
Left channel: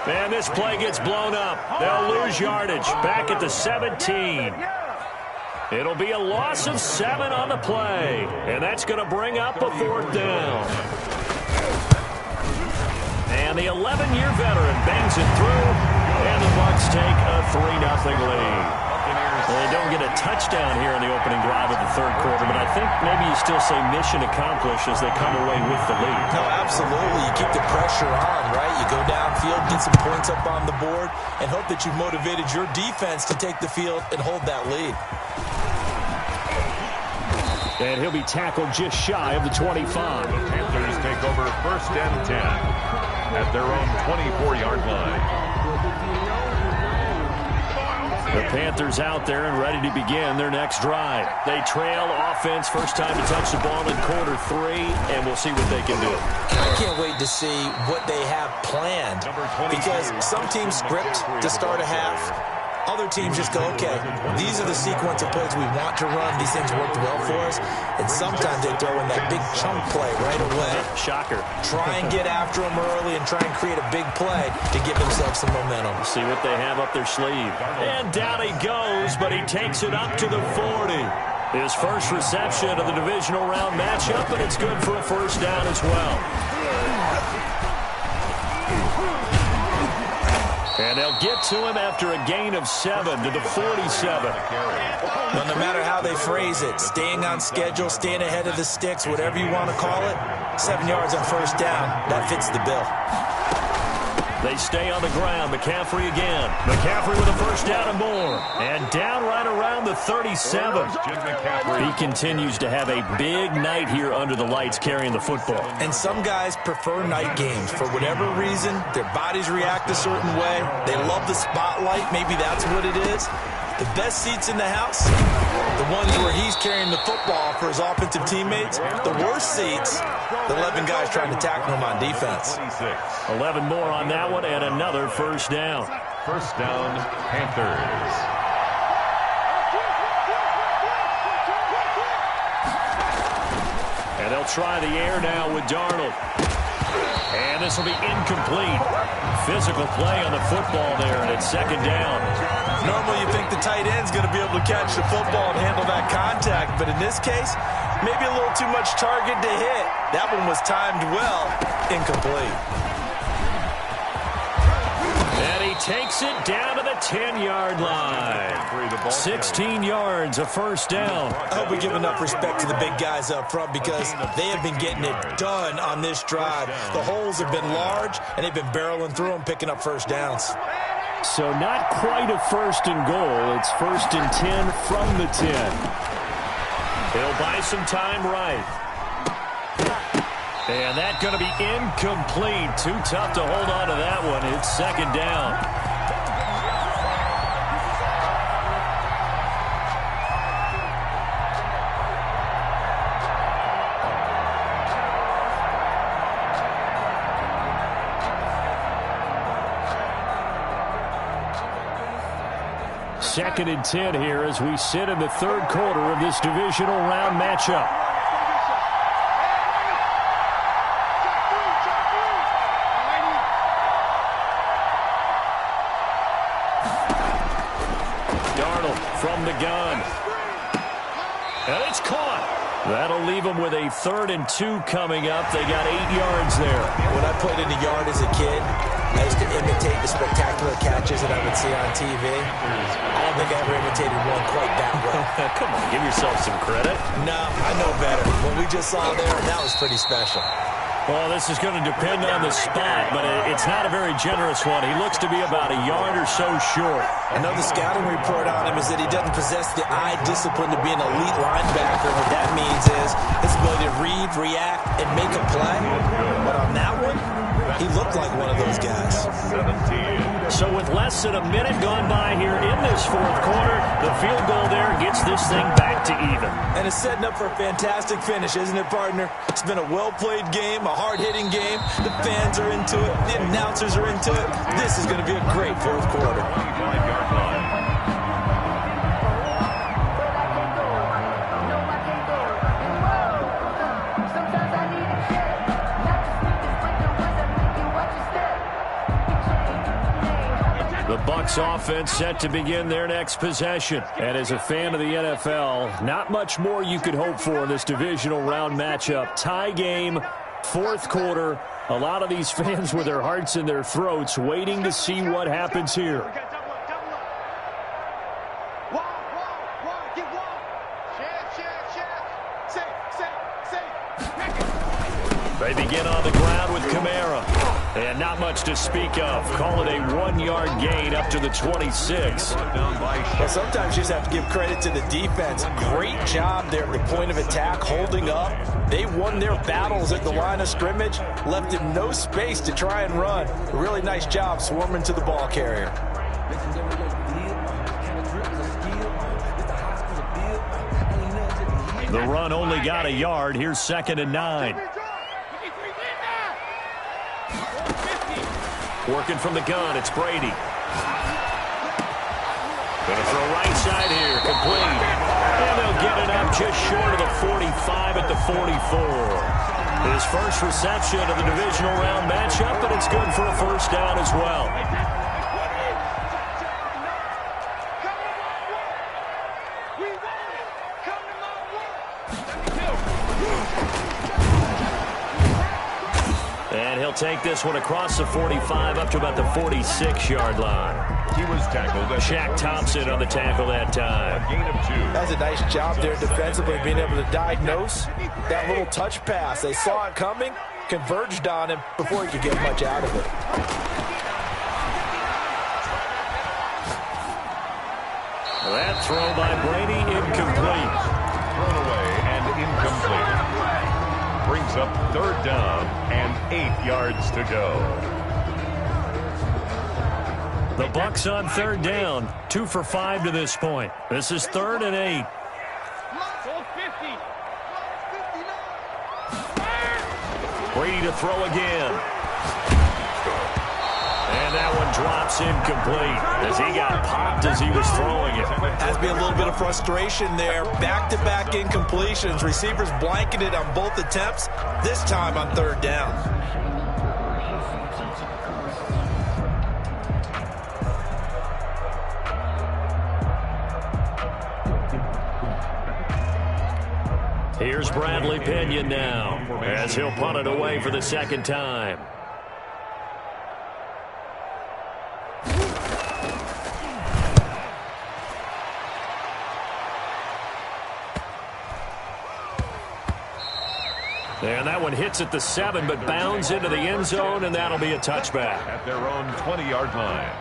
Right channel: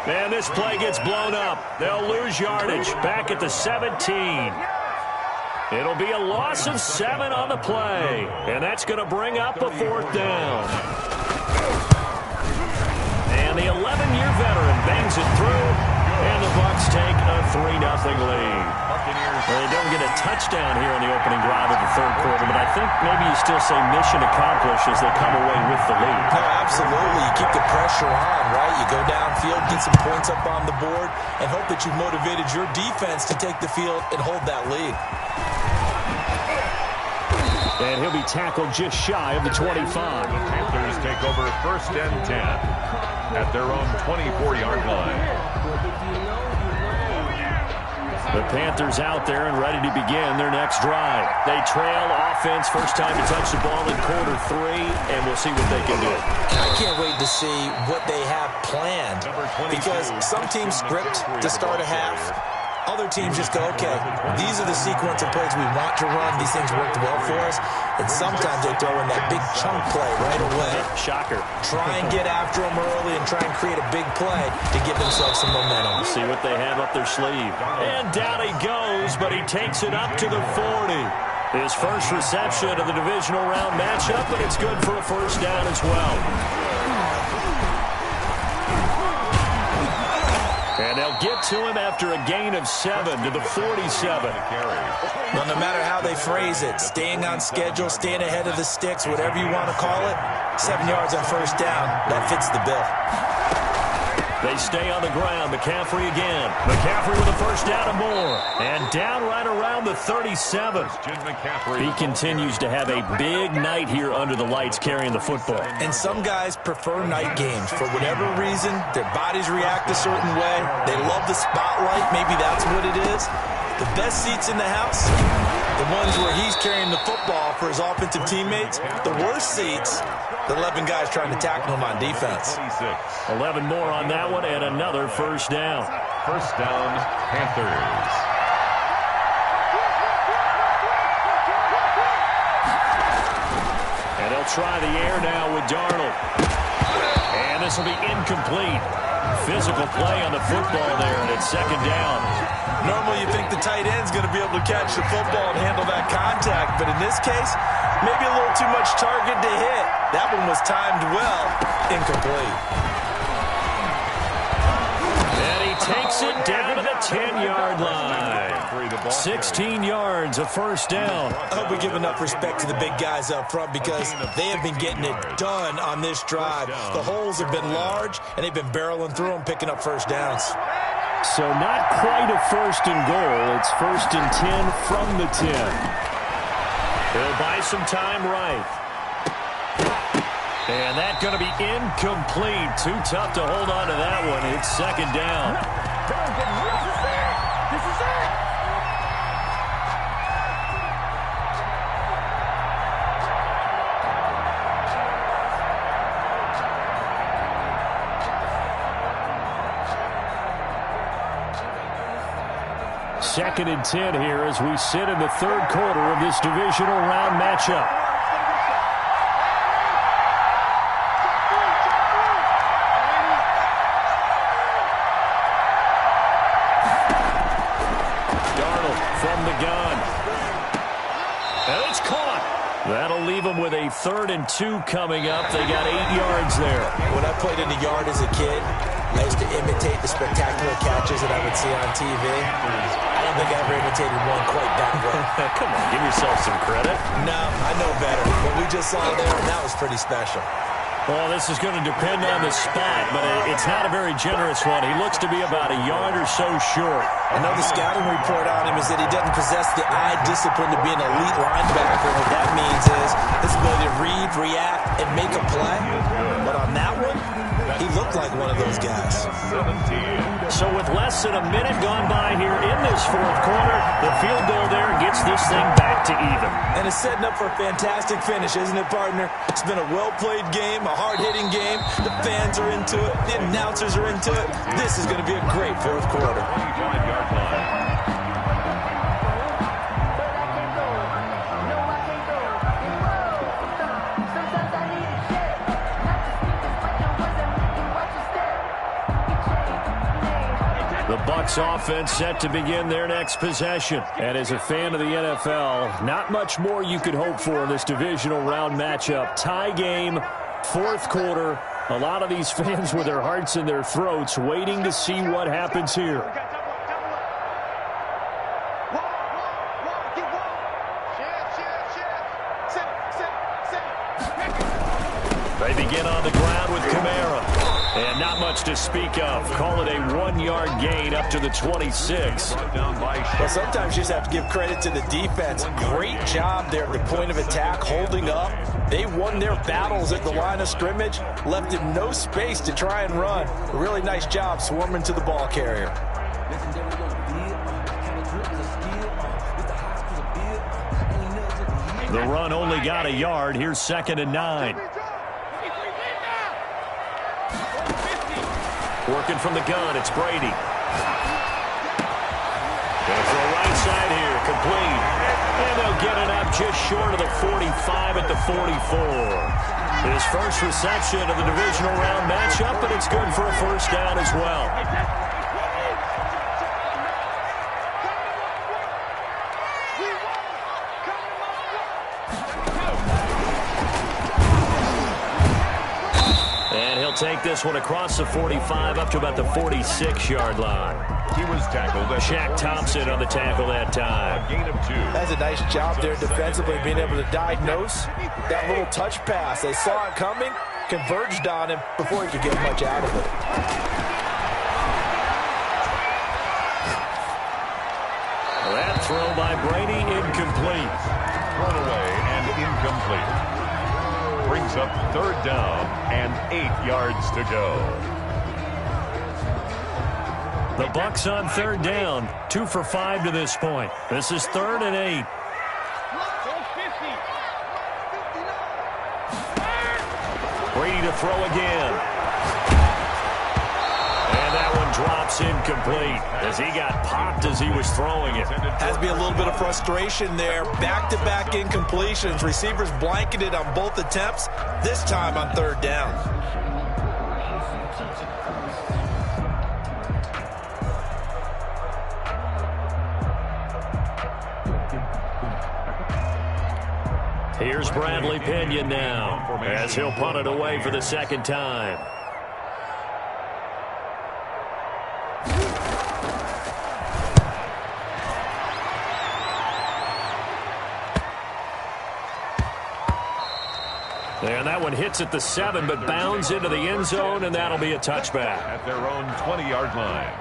And this play gets blown up. They'll lose yardage back at the 17. It'll be a loss of 7 on the play. And that's going to bring up a 4th down. And the 11-year veteran bangs it through. And the Bucs take a 3-0 lead. They don't get a touchdown here on the opening drive of the 3rd quarter, but I think maybe you still say mission accomplished as they come away with the lead. No, absolutely. You keep the pressure on, right? You go downfield, get some points up on the board, and hope that you've motivated your defense to take the field and hold that lead. And he'll be tackled just shy of the 25. The Panthers take over 1st and 10 at their own 24-yard line. The Panthers out there and ready to begin their next drive. They trail offense, first time to touch the ball in quarter 3, and we'll see what they can do. I can't wait to see what they have planned, because some teams script to start a half. Other teams just go, okay, these are the sequence of plays we want to run. These things worked well for us. And sometimes they throw in that big chunk play right away. Shocker. Try and get after them early and try and create a big play to give themselves some momentum. See what they have up their sleeve. And down he goes, but he takes it up to the 40. His first reception of the divisional round matchup, but it's good for a 1st down as well. And they'll get to him after a gain of 7 to the 47. Well, no matter how they phrase it, staying on schedule, staying ahead of the sticks, whatever you want to call it, 7 yards on 1st down, that fits the bill. They stay on the ground. McCaffrey again. McCaffrey with a 1st down and more. And down right around the 37. He continues to have a big night here under the lights carrying the football. And some guys prefer night games. For whatever reason, their bodies react a certain way. They love the spotlight. Maybe that's what it is. The best seats in the house, the ones where he's carrying the football for his offensive teammates. The worst seats, the 11 guys trying to tackle him on defense. 11 more on that one and another 1st down. 1st down, Panthers. And they'll try the air now with Darnold. And this will be incomplete. Physical play on the football there, and it's 2nd down. Normally you think the tight end's going to be able to catch the football and handle that contact, but in this case, maybe a little too much target to hit. That one was timed well, incomplete. And he takes it down to the 10-yard line. 16 yards, a 1st down. I hope we give enough respect to the big guys up front because they have been getting it done on this drive. The holes have been large, and they've been barreling through them, picking up 1st downs. So not quite a 1st and goal. It's 1st and 10 from the 10. He'll buy some time right. And that's going to be incomplete. Too tough to hold on to that one. It's 2nd down. 2nd and 10 here as we sit in the third quarter of this divisional round matchup. Darnold from the gun. And it's caught. That'll leave them with a 3rd and 2 coming up. They got 8 yards there. When I played in the yard as a kid, I used to imitate the spectacular catches that I would see on TV. I don't think I ever imitated one quite that well. Come on, give yourself some credit. No, I know better. What we just saw there, that was pretty special. Well, this is going to depend on the spot, but it's not a very generous one. He looks to be about a yard or so short. I know the scouting report on him is that he doesn't possess the eye discipline to be an elite linebacker. What that means is his ability to read, react, and make a play. But on that one, he looked like one of those guys. So with less than a minute gone by here in this fourth quarter, the field goal there gets this thing back to even. And it's setting up for a fantastic finish, isn't it, partner? It's been a well-played game, a hard-hitting game. The fans are into it. The announcers are into it. This is going to be a great fourth quarter. 25-yard line. The Bucs offense set to begin their next possession. And as a fan of the NFL, not much more you could hope for in this divisional round matchup. Tie game, fourth quarter. A lot of these fans with their hearts in their throats waiting to see what happens here. They begin on the ground with Kamara. And not much to speak of. Call it a 1-yard gain up to the 26. Well, sometimes you just have to give credit to the defense. Great job there at the point of attack, holding up. They won their battles at the line of scrimmage, left him no space to try and run. A really nice job swarming to the ball carrier. The run only got a yard. Here's 2nd and 9. Working from the gun, it's Brady. Gonna throw right side here, complete. And they'll get it up just short of the 45 at the 44. His first reception of the divisional round matchup, but it's good for a first down as well. And he'll take this one across the 45 up to about the 46-yard line. He was tackled. Shaq Thompson on the tackle that time. A gain of 2. That's a nice job there defensively, being able to diagnose that little touch pass. They saw it coming, converged on him before he could get much out of it. That throw by Brady, incomplete. Thrown away and incomplete. Brings up 3rd down and 8 yards to go. The Bucs on 3rd down, 2 for 5 to this point. This is 3rd and 8. Brady to throw again. And that one drops incomplete as he got popped as he was throwing it. Has to be a little bit of frustration there. Back-to-back incompletions. Receivers blanketed on both attempts, this time on 3rd down. Here's Bradley Pinion now as he'll punt it away for the 2nd time. And that one hits at the 7, but bounds into the end zone, and that'll be a touchback. At their own 20-yard line.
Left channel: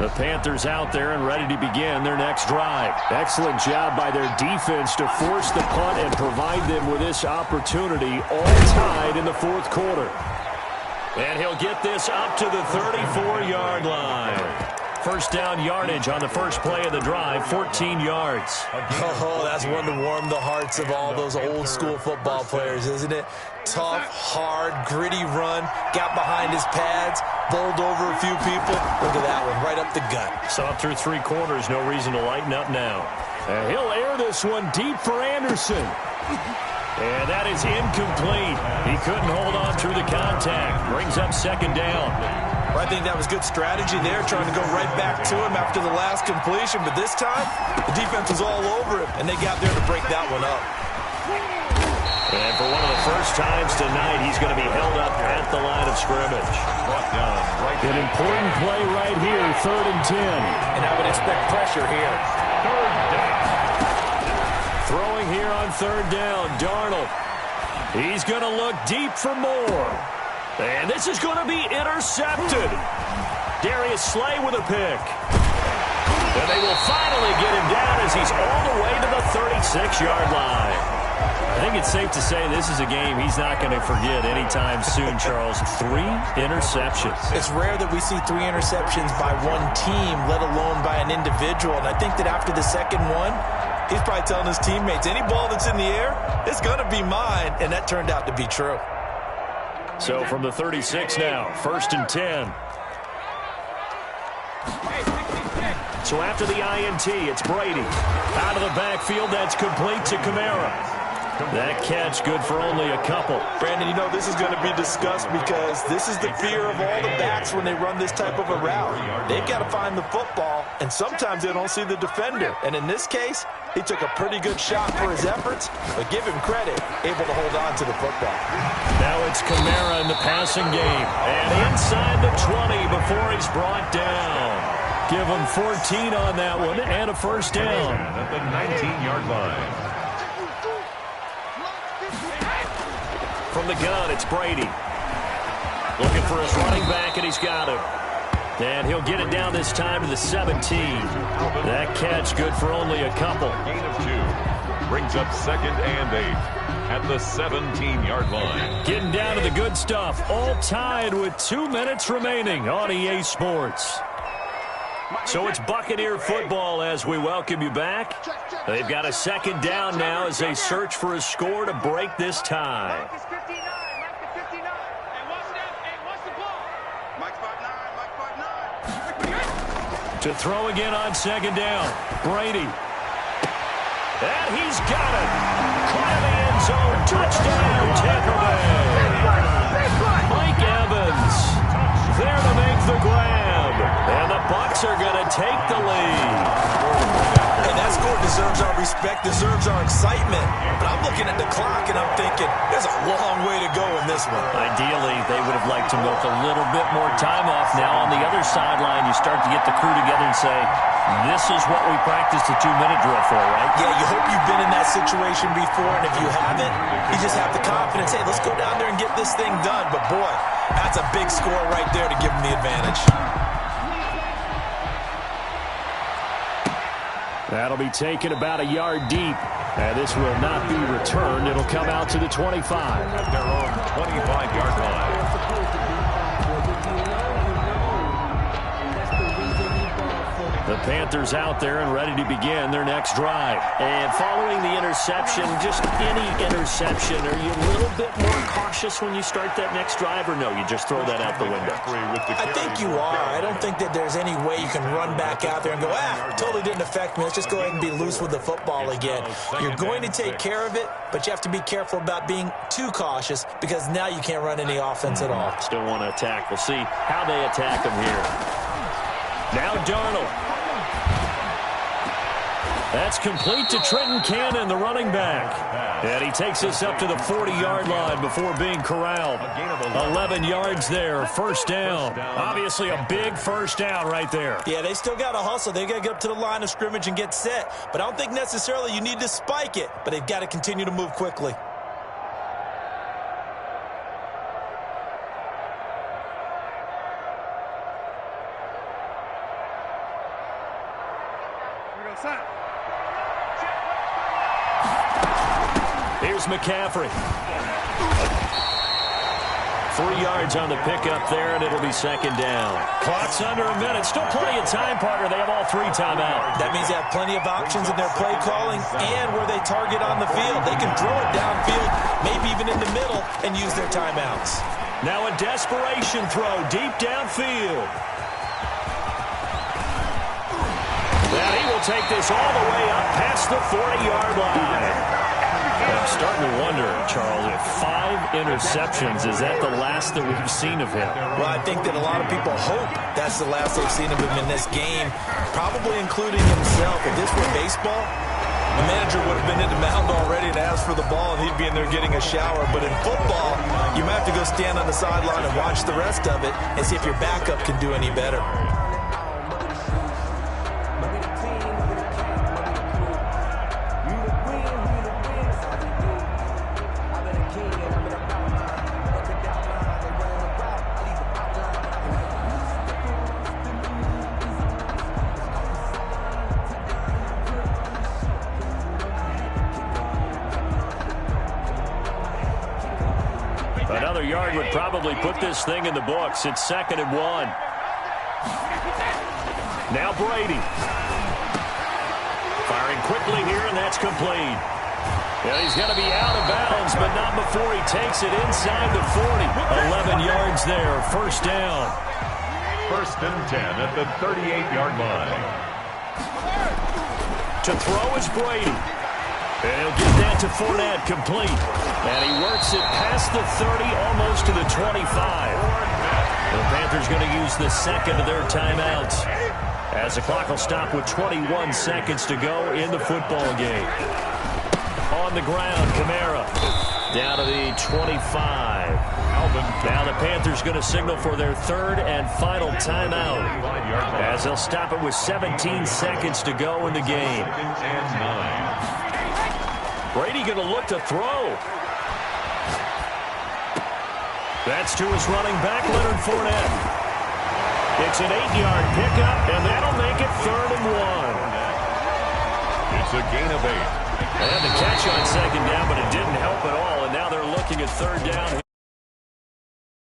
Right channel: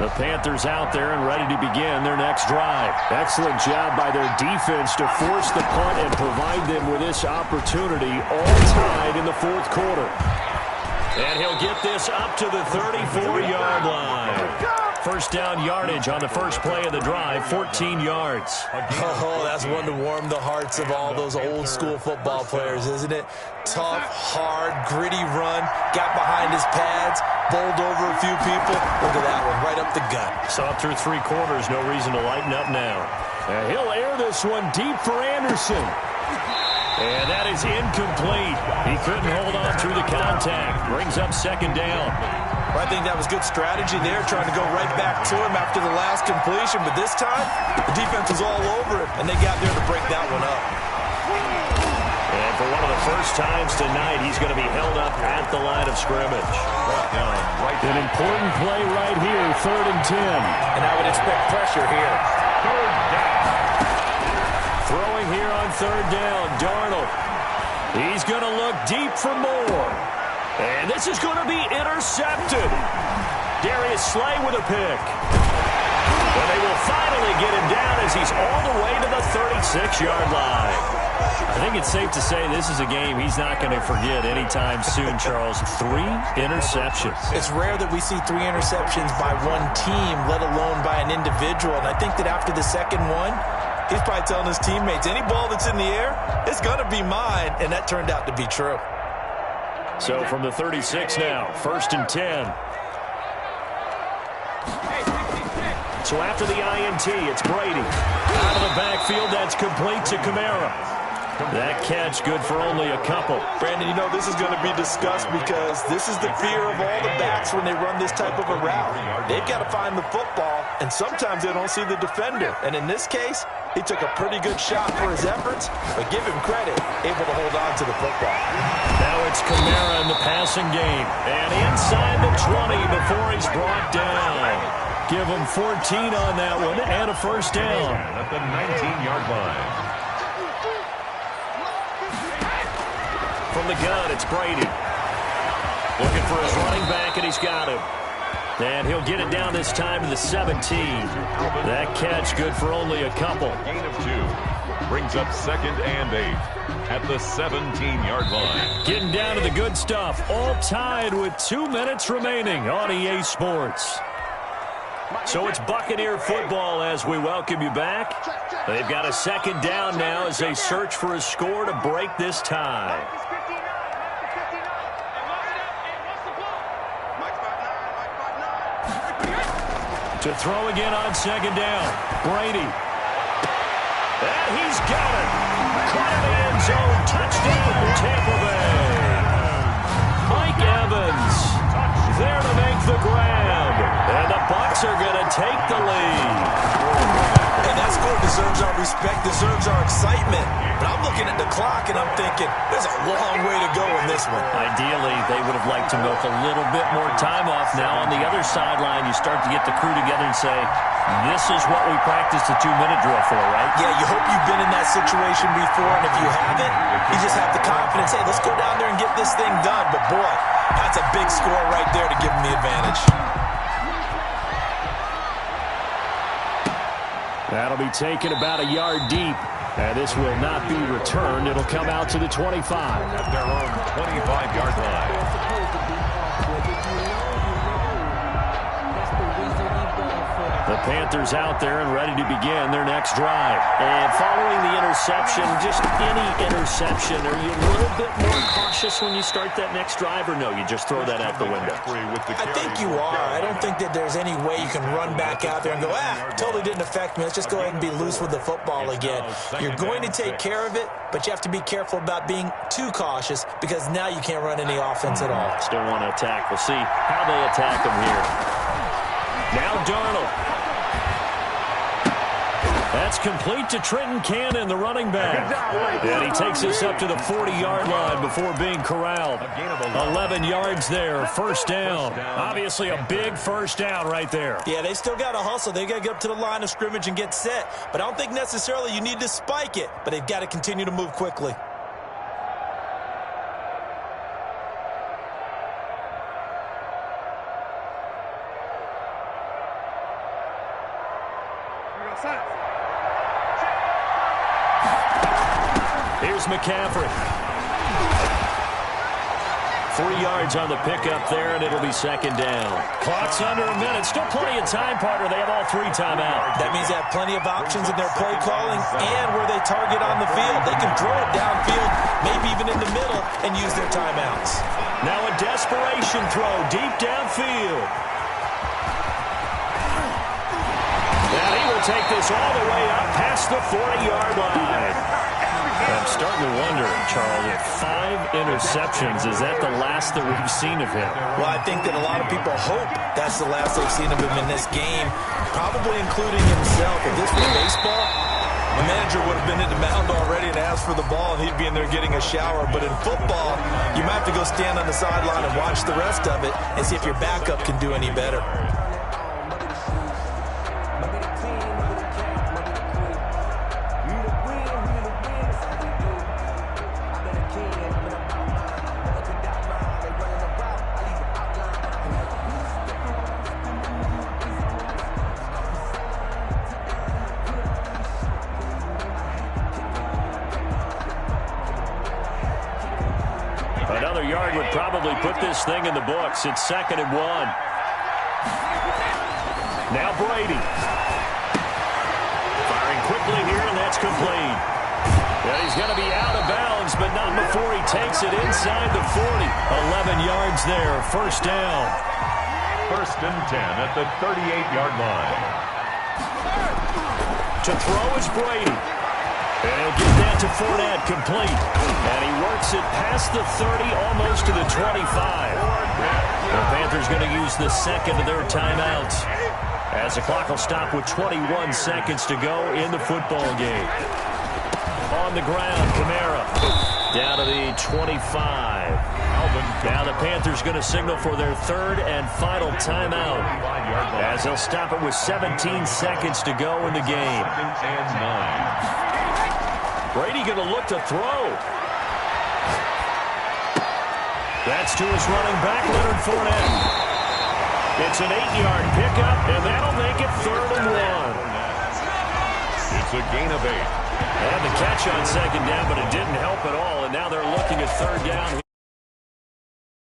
The Panthers out there and ready to begin their next drive. Excellent job by their defense to force the punt and provide them with this opportunity, all tied in the fourth quarter. And he'll get this up to the 34-yard line. First down yardage on the first play of the drive, 14 yards. Oh, that's one to warm the hearts of all those old school football players, isn't it? Tough, hard, gritty run, got behind his pads, bowled over a few people. Look at that one, right up the gut. So up through 3 quarters, no reason to lighten up now. He'll air this one deep for Anderson. And that is incomplete. He couldn't hold on through the contact. Brings up second down. I think that was good strategy there, trying to go right back to him after the last completion. But this time, the defense was all over him, and they got there to break that one up. And for one of the first times tonight, he's going to be held up at the line of scrimmage. An important play right here, 3rd and 10. And I would expect pressure here. 3rd down. Throwing here on 3rd down, Darnold. He's going to look deep for more. And this is going to be intercepted. Darius Slay with a pick. And they will finally get him down as he's all the way to the 36-yard line. I think it's safe to say this is a game he's not going to forget anytime soon, Charles. 3 interceptions. It's rare that we see 3 interceptions by one team, let alone by an individual. And I think that after the second one, he's probably telling his teammates, any ball that's in the air, it's going to be mine. And that turned out to be true. So from the 36 now, 1st and 10. So after the INT, it's Brady. Out of the backfield, that's complete to Kamara. That catch good for only a couple. Brandon, you know, this is going to be discussed because this is the fear of all the backs when they run this type of a route. They've got to find the football, and sometimes they don't see the defender. And in this case, he took a pretty good shot for his efforts, but give him credit, able to hold on to the football. Now it's Kamara in the passing game. And inside the 20 before he's brought down. Give him 14 on that one and a first down. At the 19-yard line. From the gun, it's Brady. Looking for his running back, and he's got him. And he'll get it down this time to the 17. That catch good for only a couple. Gain of 2. Brings up 2nd and 8 at the 17-yard line. Getting down to the good stuff. All tied with 2 minutes remaining on EA Sports. So it's Buccaneer football as we welcome you back. They've got a 2nd down now as they search for a score to break this tie. To throw again on 2nd down. Brady. And he's got it. Caught in the end zone. Touchdown, Tampa Bay. Mike Evans there to make the grab. And the Bucs are going to take the lead. And that score deserves our respect, deserves our excitement. But I'm looking at the clock, and I'm thinking, there's a long way to go in this one. Ideally, they would have liked to milk a little bit more time off. Now on the other sideline, you start to get the crew together and say, this is what we practiced the 2-minute drill for, right? Yeah, you hope you've been in that situation before, and if you haven't, you just have the confidence, hey, let's go down there and get this thing done. But, boy, that's a big score right there to give them the advantage. That'll be taken about a yard deep. And this will not be returned. It'll come out to the 25. At their own 25-yard line. The Panthers out there and ready to begin their next drive. And following the interception, just any interception, are you a little bit more cautious when you start that next drive, or no, you just throw that out the window? I think you are. I don't think that there's any way you can run back out there and go, totally didn't affect me. Let's just go ahead and be loose with the football again. You're going to take care of it, but you have to be careful about being too cautious because now you can't run any offense at all. Still want to attack. We'll see how they attack them here. Now Darnold. That's complete to Trenton Cannon, the running back. And he takes us up to the 40-yard line before being corralled. 11 yards there, first down. Obviously a big first down right there. Yeah, they still got to hustle. They got to get up to the line of scrimmage and get set. But I don't think necessarily you need to spike it, but they've got to continue to move quickly. Here's McCaffrey. 3 yards on the pickup there, and it'll be second down. Clock's under a minute. Still plenty of time, partner. They have all 3 timeouts. That means they have plenty of options in their play calling and where they target on the field. They can throw it downfield, maybe even in the middle, and use their timeouts. Now a desperation throw deep downfield. And he will take this all the way up past the 40-yard line. I'm starting to wonder, Charles, if 5 interceptions, is that the last that we've seen of him? Well, I think that a lot of people hope that's the last they've seen of him in this game, probably including himself. If this were baseball, the manager would have been in the mound already and asked for the ball, and he'd be in there getting a shower. But in football, you might have to go stand on the sideline and watch the rest of it and see if your backup can do any better. Another yard would probably put this thing in the books. It's 2nd and 1. Now Brady. Firing quickly here, and that's complete. Yeah, he's going to be out of bounds, but not before he takes it inside the 40. 11 yards there, first down. 1st and 10 at the 38-yard line. To throw is Brady. And he'll get that to Fournette, complete. And he works it past the 30, almost to the 25. The Panthers going to use the second of their timeouts, as the clock will stop with 21 seconds to go in the football game. On the ground, Kamara down to the 25. Now the Panthers going to signal for their 3rd and final timeout, as they'll stop it with 17 seconds to go in the game. 2nd and 9. Brady going to look to throw. That's to his running back, Leonard Fournette. It's an 8-yard pickup, and that'll make it 3rd and 1. It's a gain of 8. They had the catch on 2nd down, but it didn't help at all, and now they're looking at 3rd down here.